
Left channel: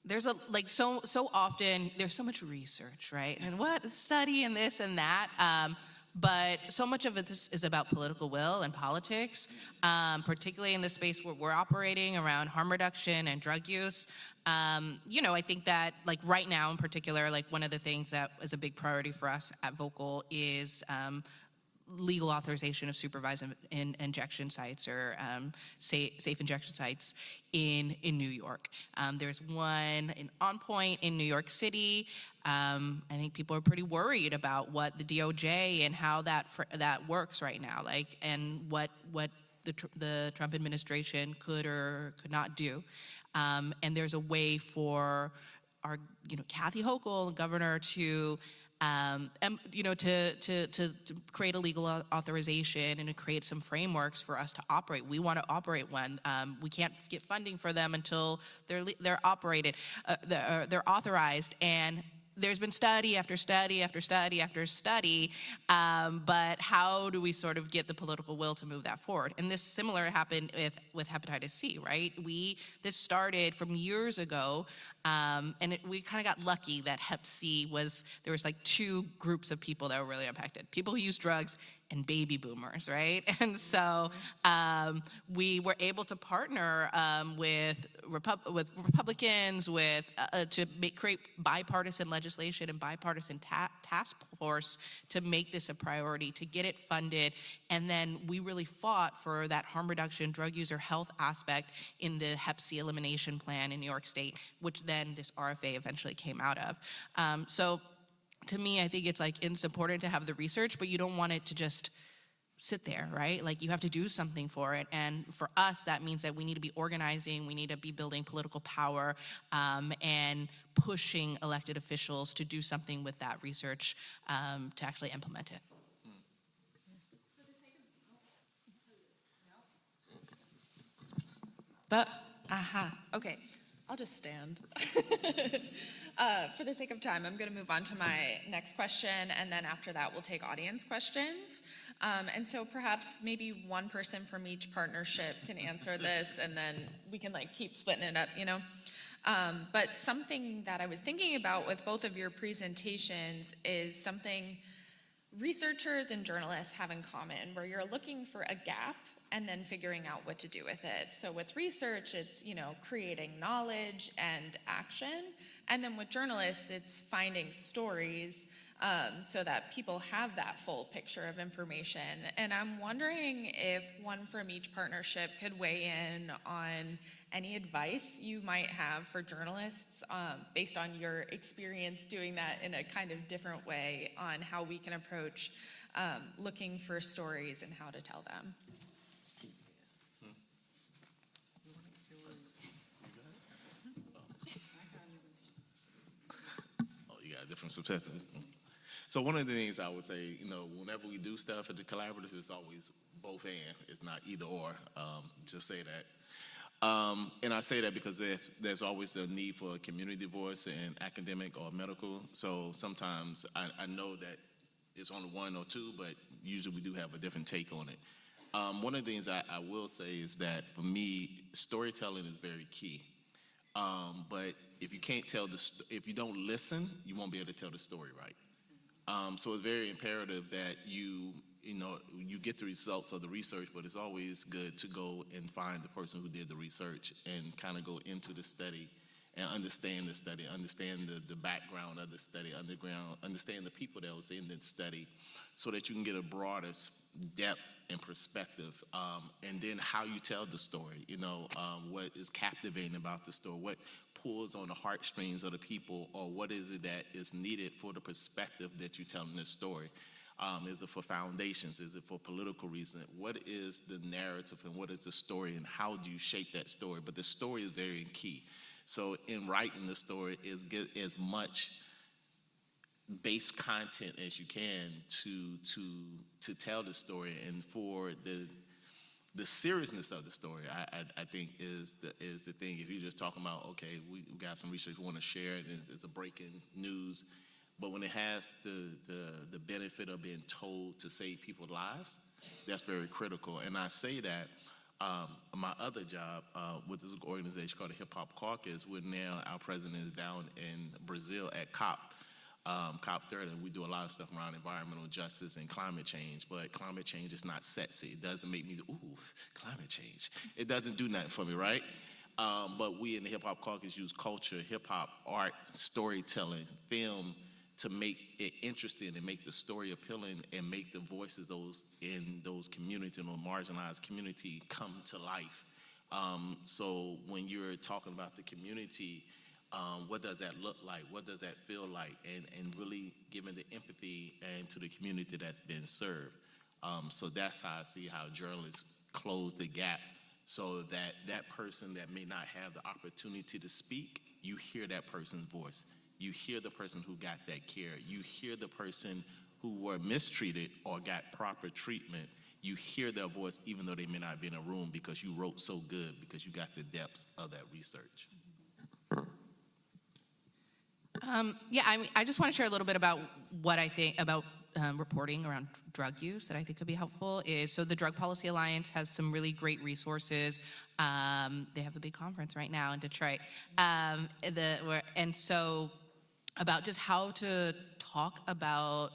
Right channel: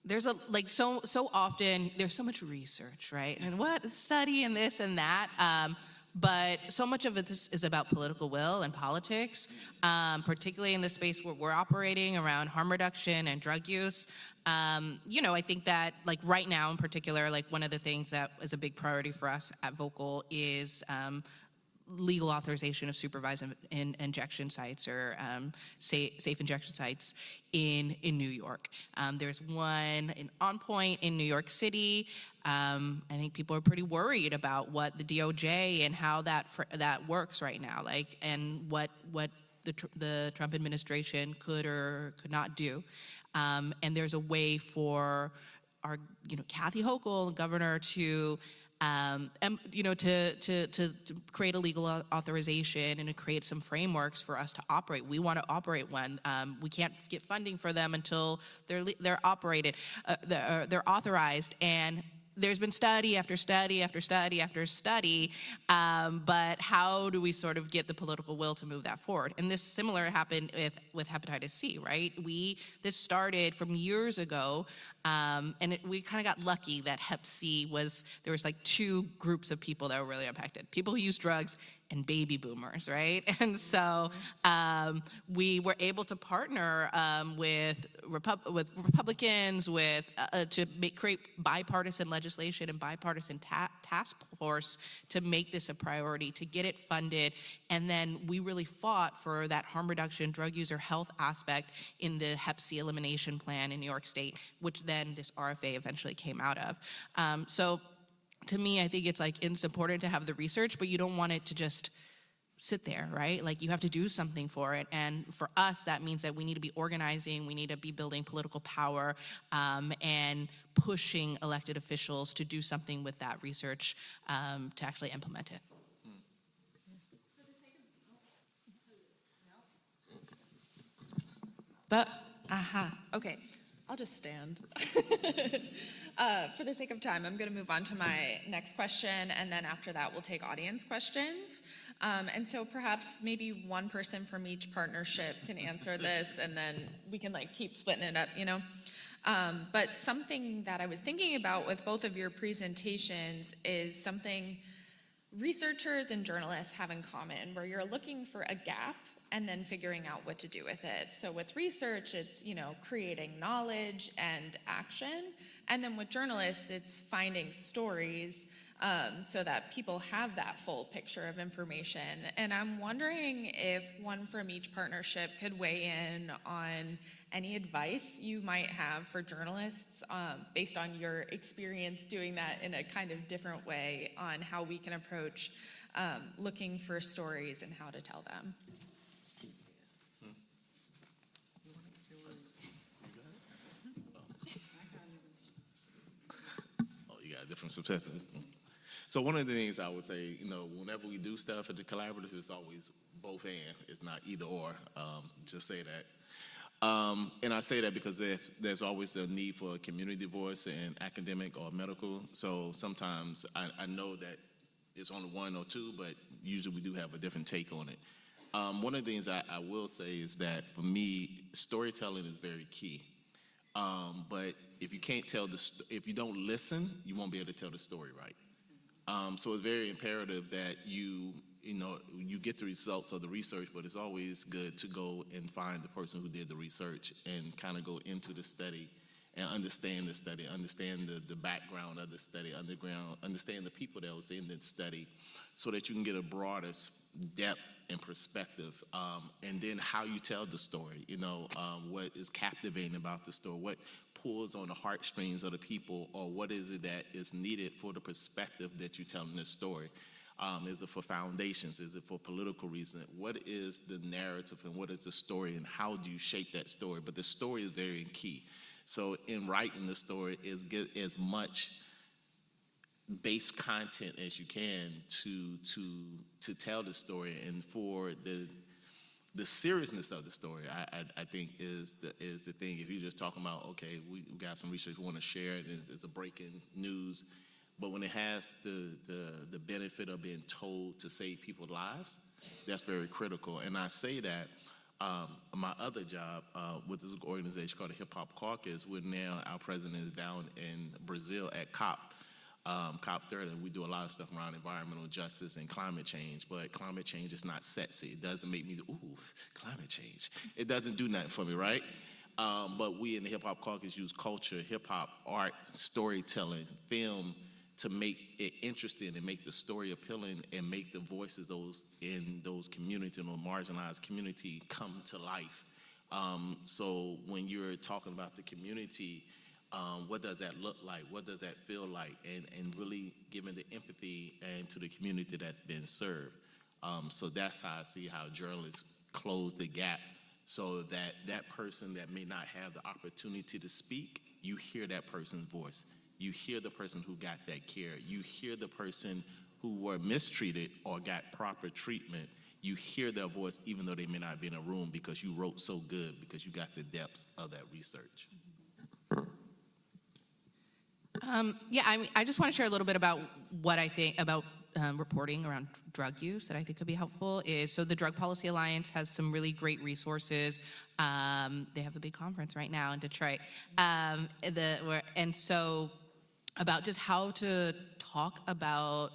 there's so often there's so much research, right? And what study and this and that, but so much of it is about political will and politics, particularly in the space where we're operating around harm reduction and drug use. I think that right now in particular, one of the things that is a big priority for us at Vocal is legal authorization of supervised injection sites or safe injection sites in New York. There's one On Point in New York City. I think people are pretty worried about what the DOJ and how that works right now, and what the Trump administration could or could not do. And there's a way for our, Kathy Hochul, the governor, to create a legal authorization and to create some frameworks for us to operate. We want to operate one. We can't get funding for them until they're operated, they're authorized. And there's been study after study after study after study, but how do we sort of get the political will to move that forward? And this similar happened with hepatitis C, right? This started from years ago, and we kind of got lucky that Hep C there was two groups of people that were really impacted: people who use drugs and baby boomers, right? And so we were able to partner with Republicans to create bipartisan legislation and bipartisan task force to make this a priority, to get it funded. And then we really fought for that harm reduction, drug user health aspect in the Hep C elimination plan in New York State, which then this RFA eventually came out of. So to me, I think it's important to have the research, but you don't want it to just sit there, right? You have to do something for it. And for us, that means that we need to be organizing, we need to be building political power, and pushing elected officials to do something with that research to actually implement it. Okay, I'll just stand. For the sake of time, I'm going to move on to my next question, and then after that, we'll take audience questions. And so perhaps maybe one person from each partnership can answer this, and then we can keep splitting it up, But something that I was thinking about with both of your presentations is something researchers and journalists have in common, where you're looking for a gap and then figuring out what to do with it. So with research, it's, creating knowledge and action. And then with journalists, it's finding stories so that people have that full picture of information. And I'm wondering if one from each partnership could weigh in on any advice you might have for journalists based on your experience doing that in a kind of different way on how we can approach looking for stories and how to tell them. Different subsections. So one of the things I would say, whenever we do stuff at the collaborative, it's always both and. It's not either or. Just say that. And I say that because there's always a need for a community voice in academic or medical. So sometimes I know that it's only one or two, but usually we do have a different take on it. One of the things I will say is that for me, storytelling is very key. But if you can't tell if you don't listen, you won't be able to tell the story right. So it's very imperative that you get the results of the research, but it's always good to go and find the person who did the research and kind of go into the study and understand the study, understand the background of the study, understand the people that was in the study, so that you can get a broader depth and perspective, and then how you tell the story, what is captivating about the story, what pulls on the heartstrings of the people, or what is it that is needed for the perspective that you're telling this story. Is it for foundations? Is it for political reason? What is the narrative and what is the story, and how do you shape that story? But the story is very key. So in writing the story, is get as much base content as you can to tell the story, and for the seriousness of the story, I think is the thing. If you're just talking about, okay, we got some research we want to share, and it's a breaking news, but when it has the benefit of being told to save people's lives, that's very critical. And I say that my other job with this organization called the Hip Hop Caucus, our president is down in Brazil at COP 30, and we do a lot of stuff around environmental justice and climate change, but climate change is not sexy. It doesn't make me, climate change. It doesn't do nothing for me, right? But we in the Hip Hop Caucus use culture, hip hop, art, storytelling, film to make it interesting and make the story appealing and make the voices in those communities, or marginalized community, come to life. So when you're talking about the community, what does that look like? What does that feel like? And really giving the empathy and to the community that's been served. So that's how I see how journalists close the gap, so that person that may not have the opportunity to speak, you hear that person's voice. You hear the person who got that care. You hear the person who were mistreated or got proper treatment. You hear their voice even though they may not be in a room, because you wrote so good, because you got the depths of that research. I just want to share a little bit about what I think about reporting around drug use that I think could be helpful. So the Drug Policy Alliance has some really great resources. They have a big conference right now in Detroit. And so about just how to talk about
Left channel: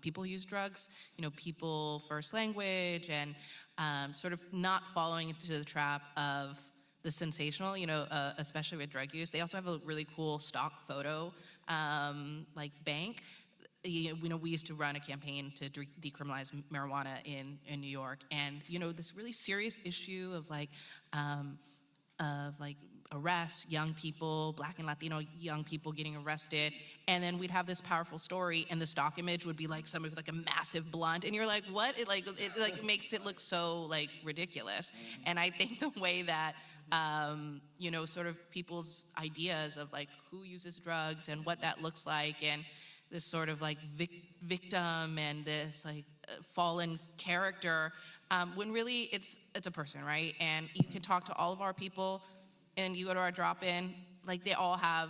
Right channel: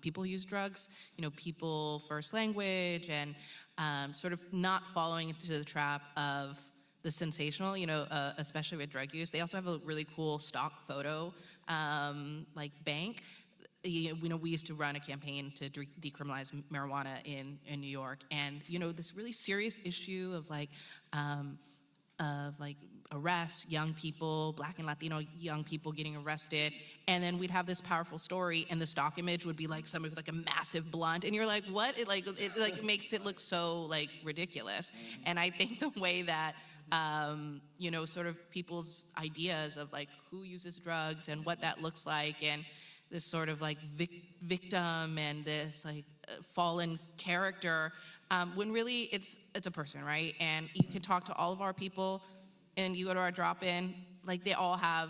people who use drugs, people first language, and sort of not falling into the trap of the sensational, especially with drug use. They also have a really cool stock photo bank. We used to run a campaign to decriminalize marijuana in New York, and this really serious issue of arrests, young people, Black and Latino young people getting arrested, and then we'd have this powerful story, and the stock image would be like somebody with a massive blunt, and you're like, what? It makes it look so ridiculous. And I think the way that sort of people's ideas of who uses drugs and what that looks like, and this sort of victim and this fallen character, when really it's a person, right? And you can talk to all of our people, and you go to our drop-in, they all have,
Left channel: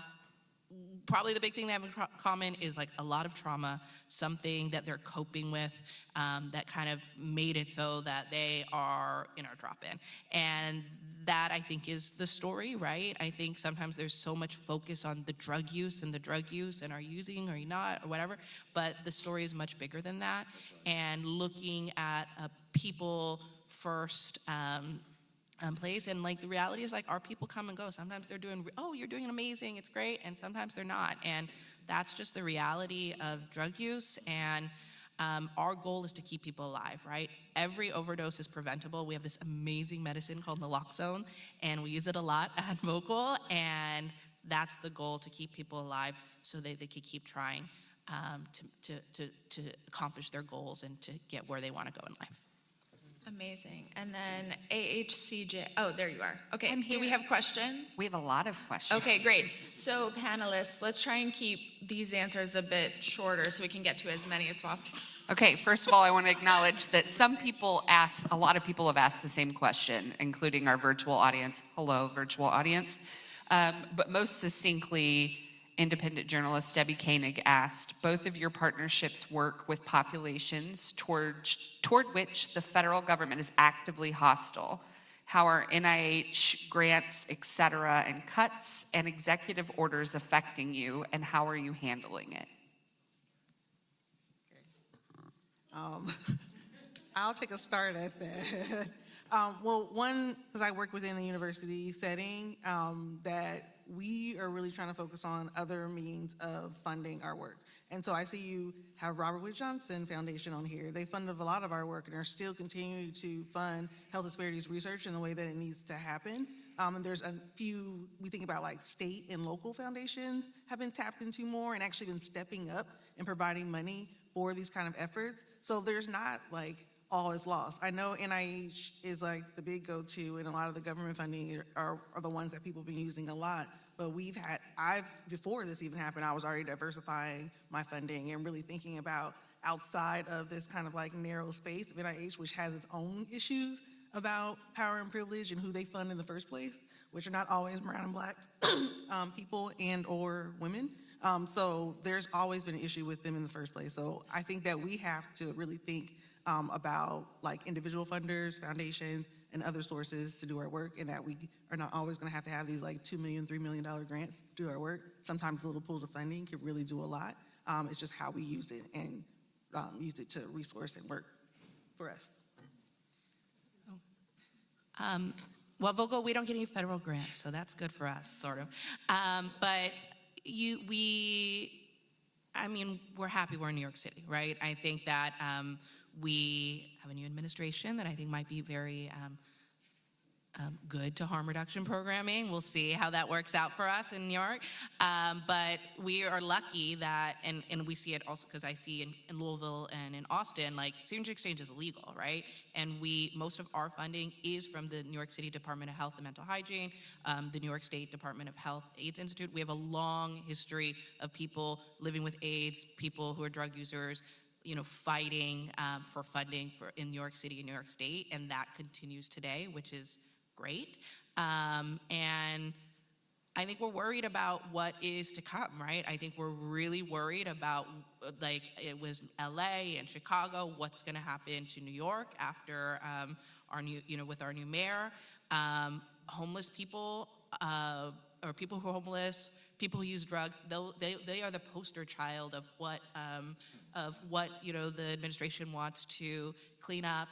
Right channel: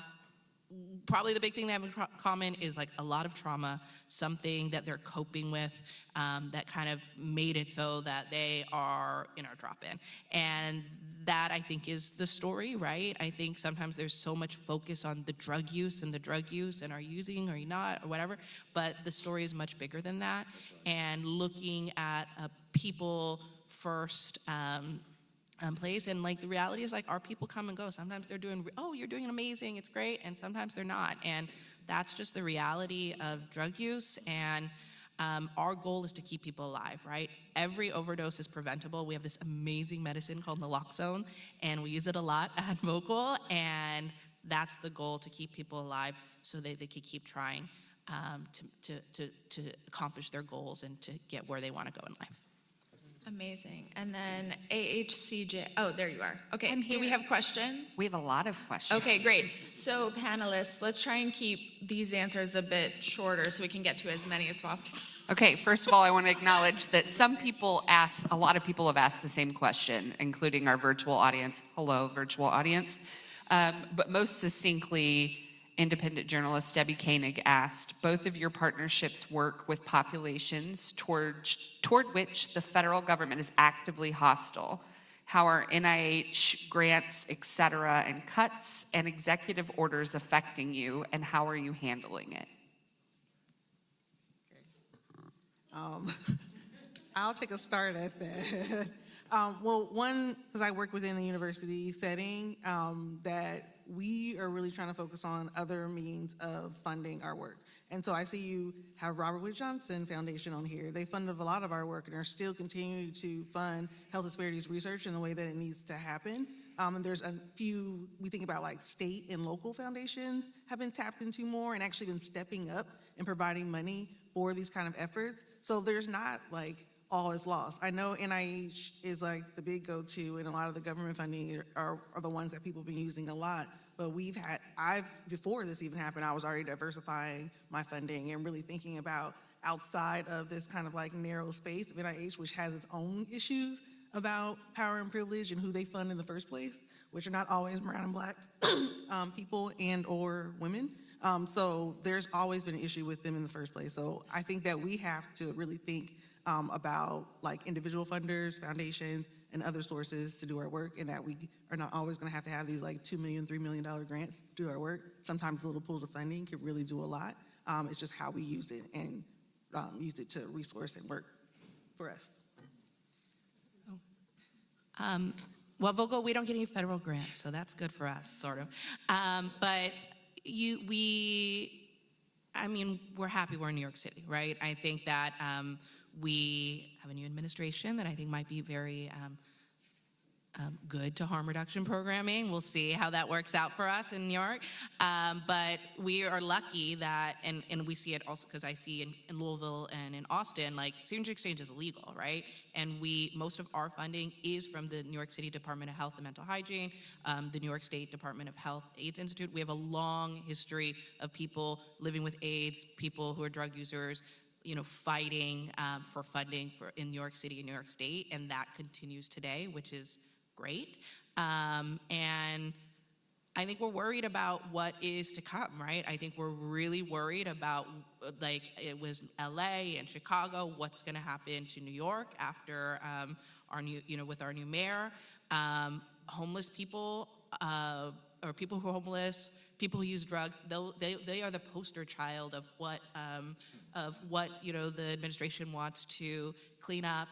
probably the big thing they have in common is a lot of trauma, something that they're coping with, that kind of made it so that they are in our drop-in. And that, I think, is the story, right? I think sometimes there's so much focus on the drug use and are you using or are you not or whatever, but the story is much bigger than that. And looking at a people first place, and the reality is our people come and go. Sometimes they're doing, you're doing amazing, it's great, and sometimes they're not. And that's just the reality of drug use. And our goal is to keep people alive, right? Every overdose is preventable. We have this amazing medicine called naloxone, and we use it a lot at Vocal, and that's the goal, to keep people alive so they can keep trying to accomplish their goals and to get where they want to go in life. Amazing. And then AHCJ. Oh, there you are. Okay. Do we have questions? We have a lot of questions. Okay, great. So panelists, let's try and keep these answers a bit shorter so we can get to as many as possible. Okay, first of all, I want to acknowledge that a lot of people have asked the same question, including our virtual audience. Hello, virtual audience. But most succinctly, independent journalist Debbie Koenig asked, both of your partnerships work with populations toward which the federal government is actively hostile. How are NIH grants, et cetera, and cuts and executive orders affecting you, and how are you handling it? I'll take a start at that. Well, one, because I work within the university setting, that we are really trying to focus on other means of funding our work. And so I see you have Robert Wood Johnson Foundation on here. They funded a lot of our work and are still continuing to fund health disparities research in the way that it needs to happen. And there's a few, we think about like state and local foundations have been tapped into more and actually been stepping up and providing money for these kind of efforts. So there's not like all is lost. I know NIH is like the big go-to, and a lot of the government funding are the ones that people have been using a lot. But before this even happened, I was already diversifying my funding and really thinking about outside of this kind of like narrow space of NIH, which has its own issues about power and privilege and who they fund in the first place, which are not always brown and black people and or women. So there's always been an issue with them in the first place. So I think that we have to really think about like individual funders, foundations, and other sources to do our work, and that we are not always going to have these like $2 million, $3 million grants to do our work. Sometimes little pools of funding can really do a lot. It's just how we use it and use it to resource and work for us. Well, Vogel, we don't get any federal grants, so that's good for us, sort of. But we're happy we're in New York City, right? I think that we have a new administration that I think might be very good to harm reduction programming. We'll see how that works out for us in New York. But we are lucky that, and we see it also because I see in Louisville and in Austin, like signature exchange is illegal, right? And most of our funding is from the New York City Department of Health and Mental Hygiene, the New York State Department of Health AIDS Institute. We have a long history of people living with AIDS, people who are drug users, fighting for funding in New York City and New York State, and that continues today, which is great. And I think we're worried about what is to come, right? I think we're really worried about, like, it was LA and Chicago, what's going to happen to New York after our new, with our new mayor. Homeless people, or people who are homeless, people who use drugs, they are the poster child of what the administration wants to clean up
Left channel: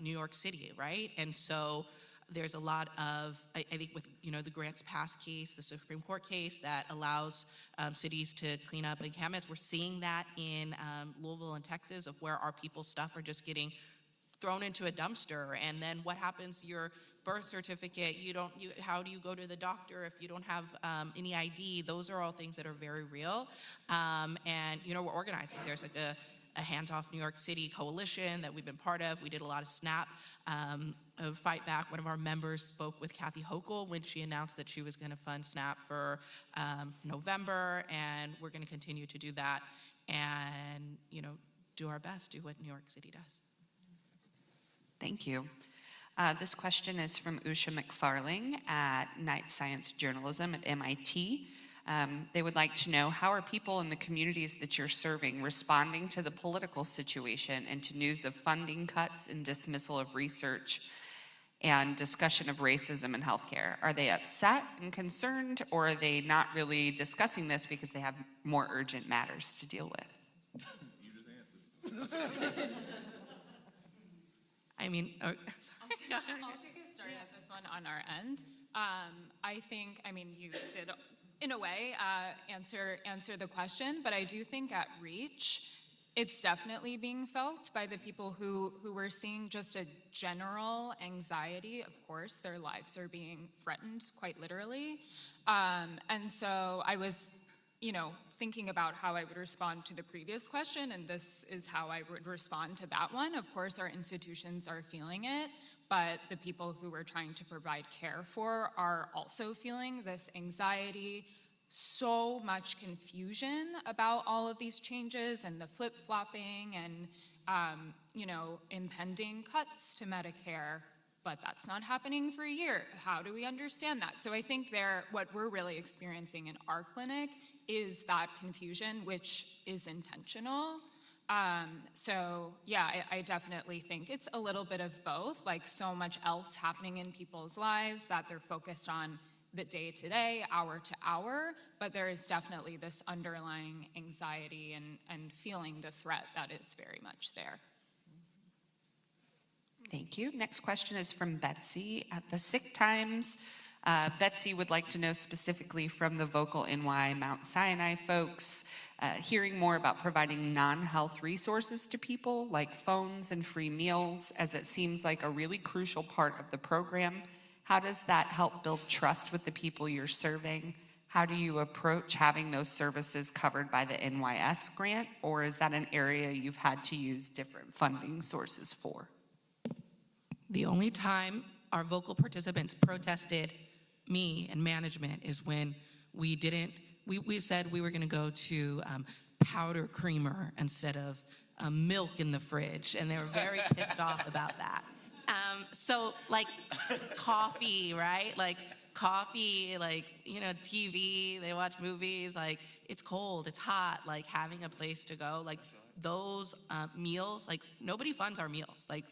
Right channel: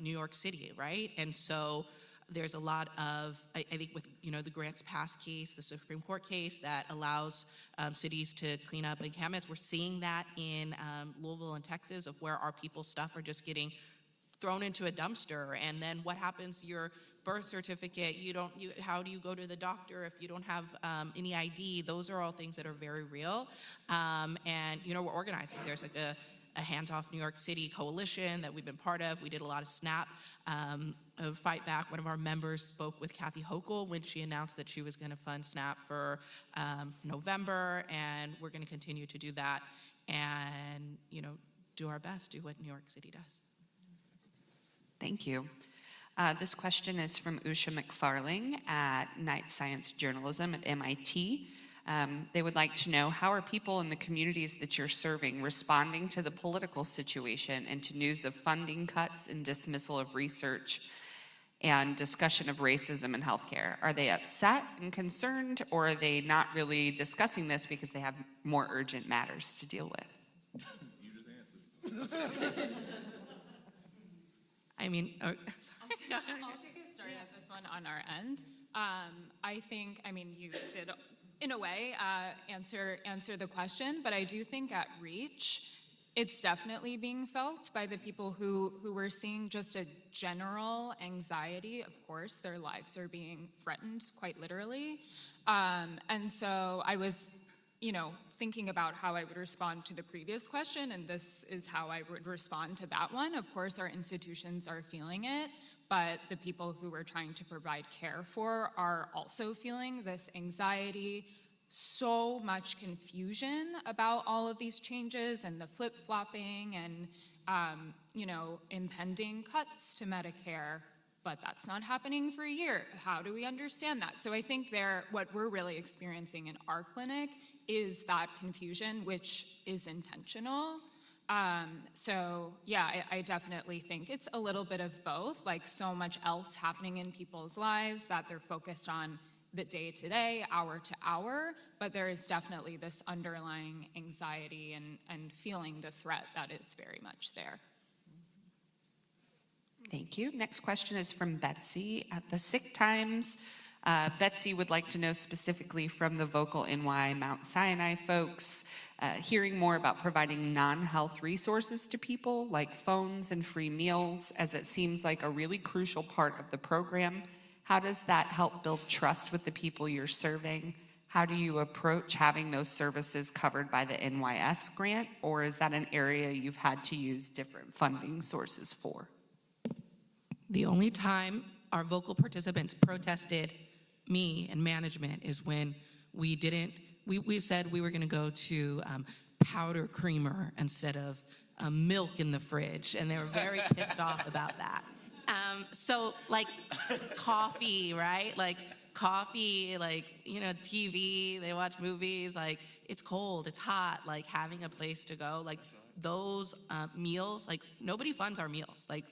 New York City, right? And so there's a lot of, I think with, the Grants Pass case, the Supreme Court case that allows cities to clean up encampments. We're seeing that in Louisville and Texas, of where our people's stuff are just getting thrown into a dumpster. And then what happens to your birth certificate? How do you go to the doctor if you don't have any ID? Those are all things that are very real. And, we're organizing. There's like a Hands Off New York City coalition that we've been part of. We did a lot of SNAP Fight Back. One of our members spoke with Kathy Hochul when she announced that she was going to fund SNAP for November, and we're going to continue to do that and, do our best, do what New York City does. Thank you. This question is from Usha McFarling at Night Science Journalism at MIT. They would like to know, how are people in the communities that you're serving responding to the political situation and to news of funding cuts and dismissal of research and discussion of racism in healthcare? Are they upset and concerned, or are they not really discussing this because they have more urgent matters to deal with? You just answered. I'll take a start at this one on our end. I think, you did, in a way, answer the question, but I do think at Reach, it's definitely being felt by the people who were seeing just a general anxiety. Of course, their lives are being threatened, quite literally. And so I was, thinking about how I would respond to the previous question, and this is how I would respond to that one. Of course, our institutions are feeling it, but the people who we're trying to provide care for are also feeling this anxiety, so much confusion about all of these changes and the flip-flopping and, impending cuts to Medicare. But that's not happening for a year. How do we understand that? So I think what we're really experiencing in our clinic is that confusion, which is intentional. So yeah, I definitely think it's a little bit of both, like so much else happening in people's lives that they're focused on the day to day, hour to hour, but there is definitely this underlying anxiety and feeling the threat that is very much there. Thank you. Next question is from Betsy at the Sick Times. Betsy would like to know specifically from the Vocal NY Mount Sinai folks, hearing more about providing non-health resources to people like phones and free meals, as it seems like a really crucial part of the program. How does that help build trust with the people you're serving? How do you approach having those services covered by the NYS grant, or is that an area you've had to use different funding sources for? The only time our vocal participants protested me and management is when we said we were going to go to powder creamer instead of milk in the fridge, and they were very pissed off about that. So like coffee, right? Like coffee, like, you know, TV, they watch movies, like it's cold, it's hot, like having a place to go, like those meals, like nobody funds our meals. Like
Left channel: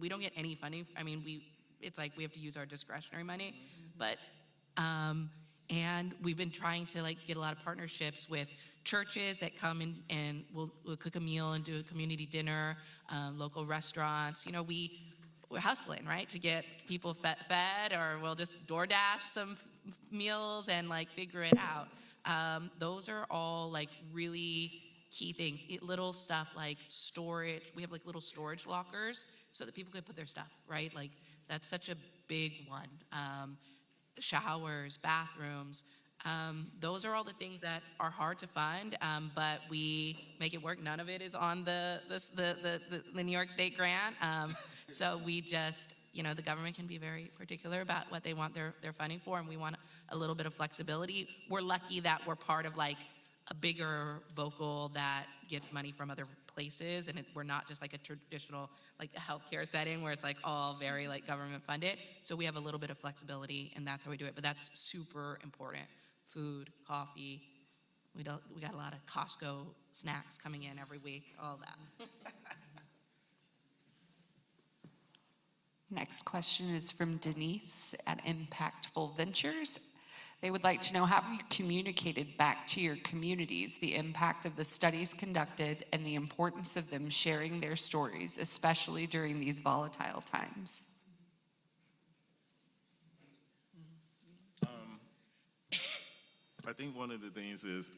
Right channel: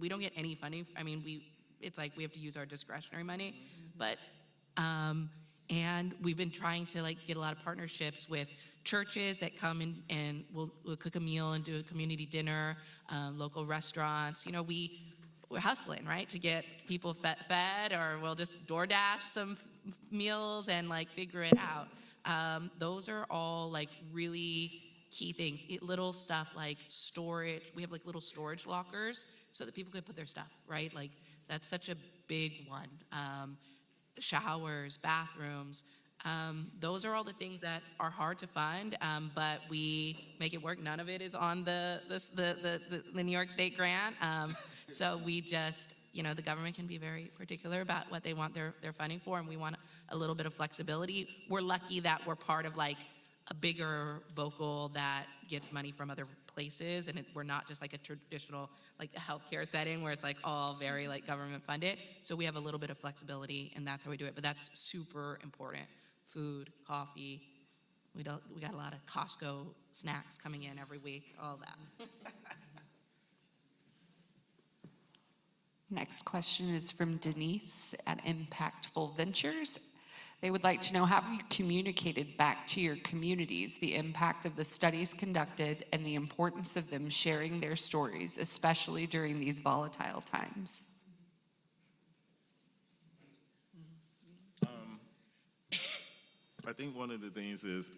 we don't get any funding. I mean, it's like we have to use our discretionary money, but, and we've been trying to like get a lot of partnerships with churches that come in and we'll cook a meal and do a community dinner, local restaurants. You know, we're hustling, right, to get people fed, or we'll just DoorDash some meals and like figure it out. Those are all like really key things. Little stuff like storage. We have like little storage lockers so that people can put their stuff, right? Like that's such a big one. Showers, bathrooms. Those are all the things that are hard to fund, but we make it work. None of it is on the New York State grant. So we just, you know, the government can be very particular about what they want their funding for, and we want a little bit of flexibility. We're lucky that we're part of like a bigger vocal that gets money from other places, and we're not just like a traditional like a healthcare setting where it's like all very like government funded. So we have a little bit of flexibility, and that's how we do it. But that's super important. Food, coffee. We got a lot of Costco snacks coming in every week. All that. Next question is from Denise at Impactful Ventures. They would like to know, have you communicated back to your communities the impact of the studies conducted and the importance of them sharing their stories, especially during these volatile times? I think one of the things is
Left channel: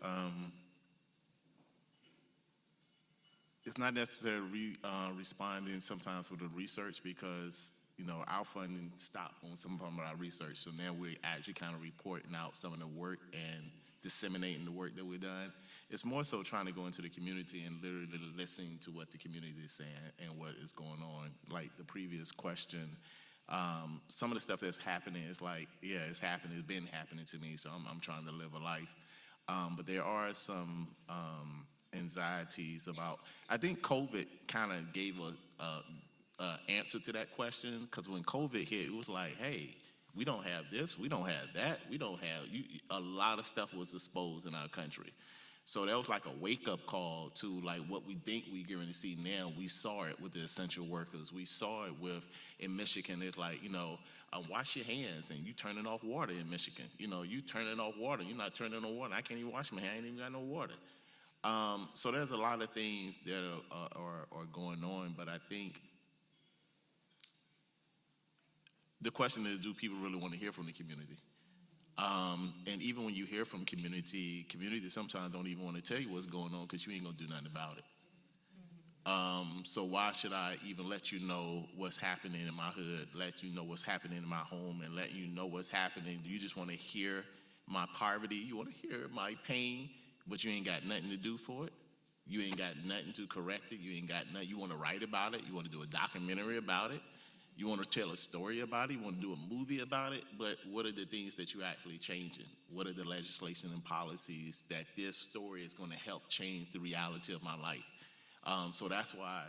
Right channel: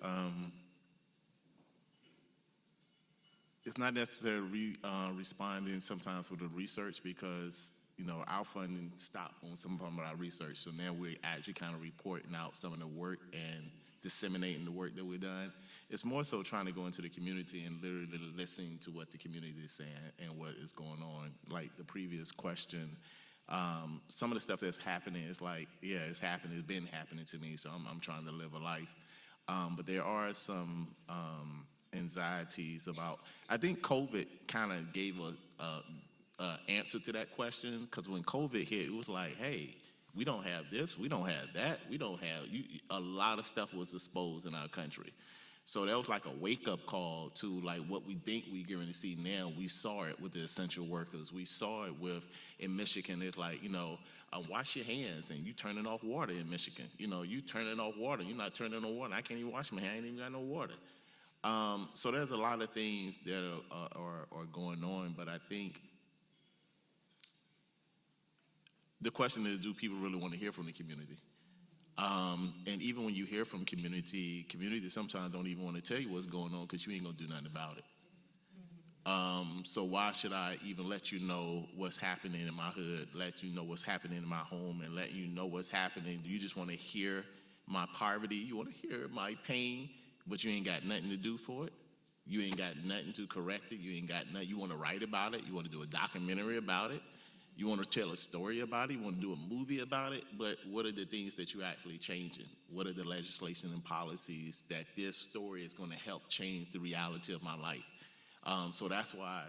it's not necessarily responding sometimes with the research, because you know our funding stopped on some of our research. So now we're actually kind of reporting out some of the work and disseminating the work that we've done. It's more so trying to go into the community and literally listening to what the community is saying and what is going on. Like the previous question, some of the stuff that's happening is like, yeah, it's happening. It's been happening to me, so I'm trying to live a life. But there are some anxieties about. I think COVID kind of gave a answer to that question, because when COVID hit, it was like, hey, we don't have this, we don't have that, we don't have. A lot of stuff was exposed in our country. So that was like a wake-up call to like what we think we're going to see now. We saw it with the essential workers. We saw it in Michigan. It's like, you know, wash your hands, and you turning off water in Michigan. You know, you turning off water. You're not turning on water. I can't even wash my hands. I ain't even got no water. So there's a lot of things that are going on, but I think the question is, do people really want to hear from the community? And even when you hear from community sometimes don't even want to tell you what's going on, because you ain't gonna do nothing about it. So why should I even let you know what's happening in my hood, let you know what's happening in my home, and let you know what's happening? Do you just want to hear my poverty? You want to hear my pain, but you ain't got nothing to do for it? You ain't got nothing to correct it? You ain't got nothing. You want to write about it? You want to do a documentary about it? You want to tell a story about it? You want to do a movie about it? But what are the things that you're actually changing? What are the legislation and policies that this story is going to help change the reality of my life? So that's why,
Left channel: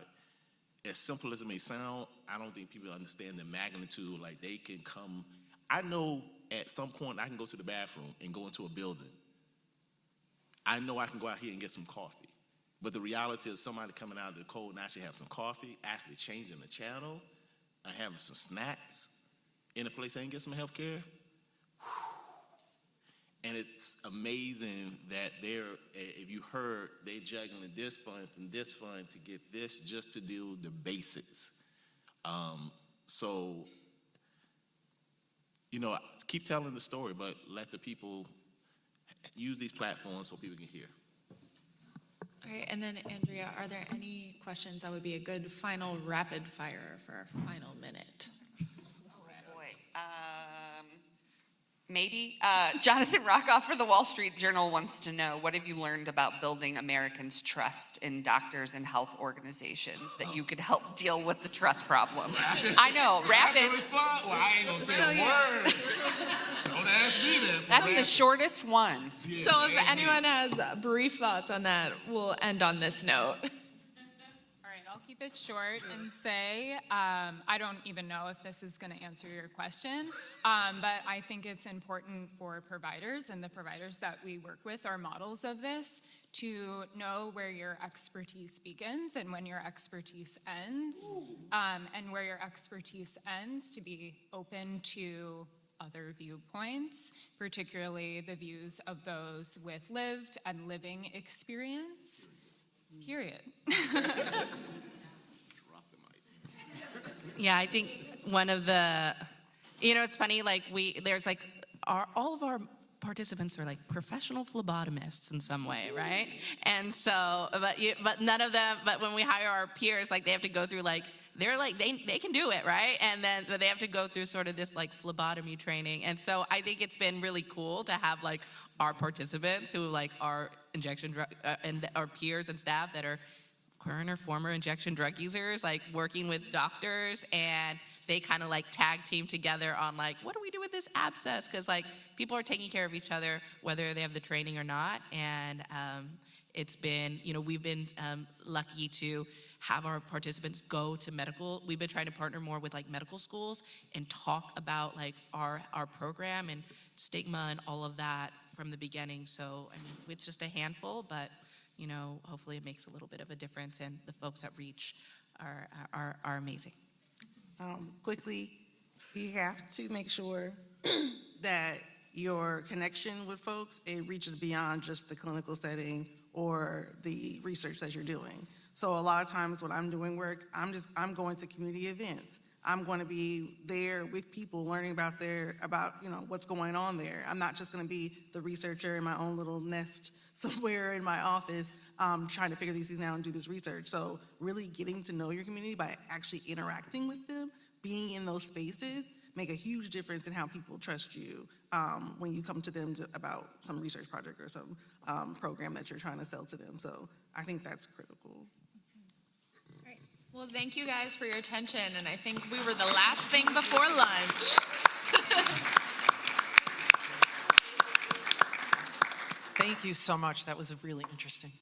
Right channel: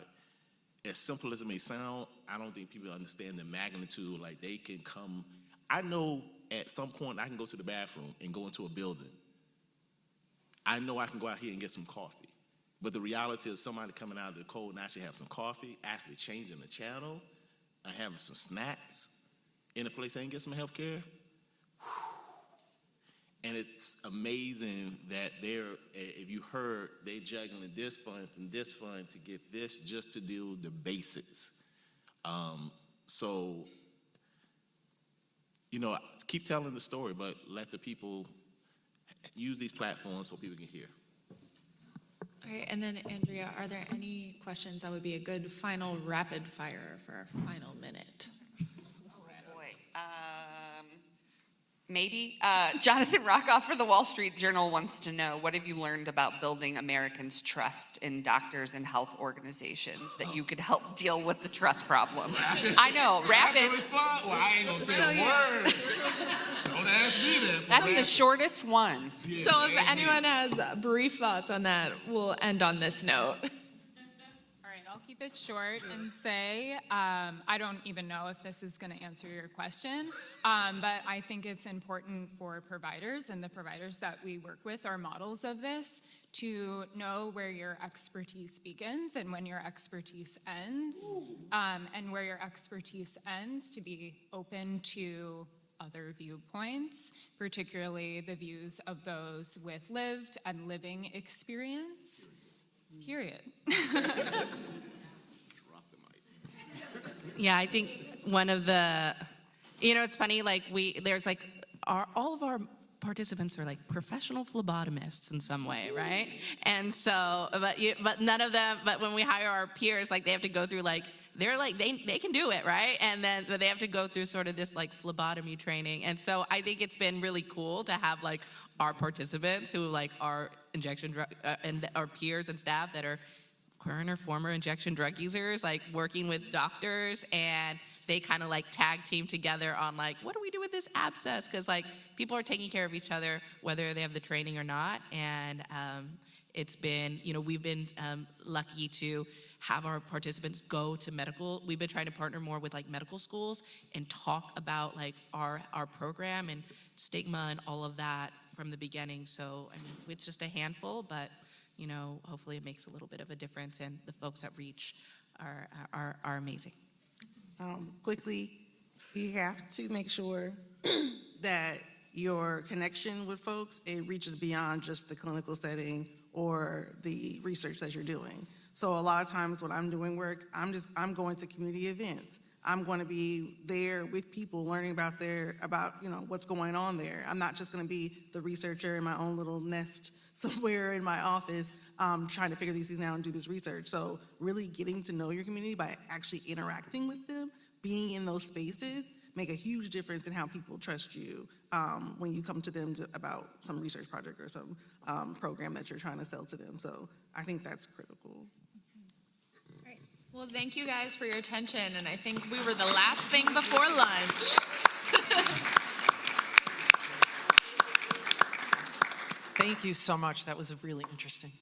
as simple as it may sound, I don't think people understand the magnitude. Like, they can come. I know at some point I can go to the bathroom and go into a building I know I can go out here and get some coffee. But the reality of somebody coming out of the cold and actually have some coffee, actually changing the channel, and having some snacks in a place they can get some health care. And it's amazing that if you heard, they're juggling this fund from this fund to get this just to do the basics. So, keep telling the story, but let the people use these platforms so people can hear. All right, and then Andrea, are there any questions that would be a good final rapid fire for our final minute? Maybe. Jonathan Rockoff for the Wall Street Journal wants to know, what have you learned about building Americans' trust in doctors and health organizations that you could help deal with the trust problem? I know, rapid. Well, I ain't gonna say a word. Don't ask me that. That's the shortest one. So if anyone has brief thoughts on that, we'll end on this note. Keep it short and say, I don't even know if this is going to answer your question, but I think it's important for providers, and the providers that we work with are models of this, to know where your expertise begins and when your expertise ends, and where your expertise ends, to be open to other viewpoints, particularly the views of those with lived and living experience, period. Yeah, I think one of the, it's funny, like there's like, all of our participants are like professional phlebotomists in some way, right? And so, but none of them, but when we hire our peers, like they have to go through like, they're like, they can do it, right? And then but they have to go through sort of this like phlebotomy training. And so I think it's been really cool to have like our participants who like are injection drug, and our peers and staff that are current or former injection drug users, like working with doctors, and they kind of like tag team together on like, what do we do with this abscess? Because like people are taking care of each other whether they have the training or not. And it's been, we've been lucky to have our participants go to medical. We've been trying to partner more with like medical schools and talk about like our program and stigma and all of that from the beginning. So I mean, it's just a handful, but hopefully it makes a little bit of a difference, and the folks at Reach are amazing. Quickly, you have to make sure that your connection with folks, it reaches beyond just the clinical setting or the research that you're doing. So a lot of times when I'm doing work, I'm going to community events. I'm going to be there with people learning about what's going on there. I'm not just going to be the researcher in my own little nest somewhere in my office trying to figure these things out and do this research. So really getting to know your community by actually interacting with them, being in those spaces, make a huge difference in how people trust you when you come to them about some research project or some program that you're trying to sell to them. So I think that's critical. Well, thank you guys for your attention, and I think we were the last thing before lunch. Thank you so much. That was really interesting.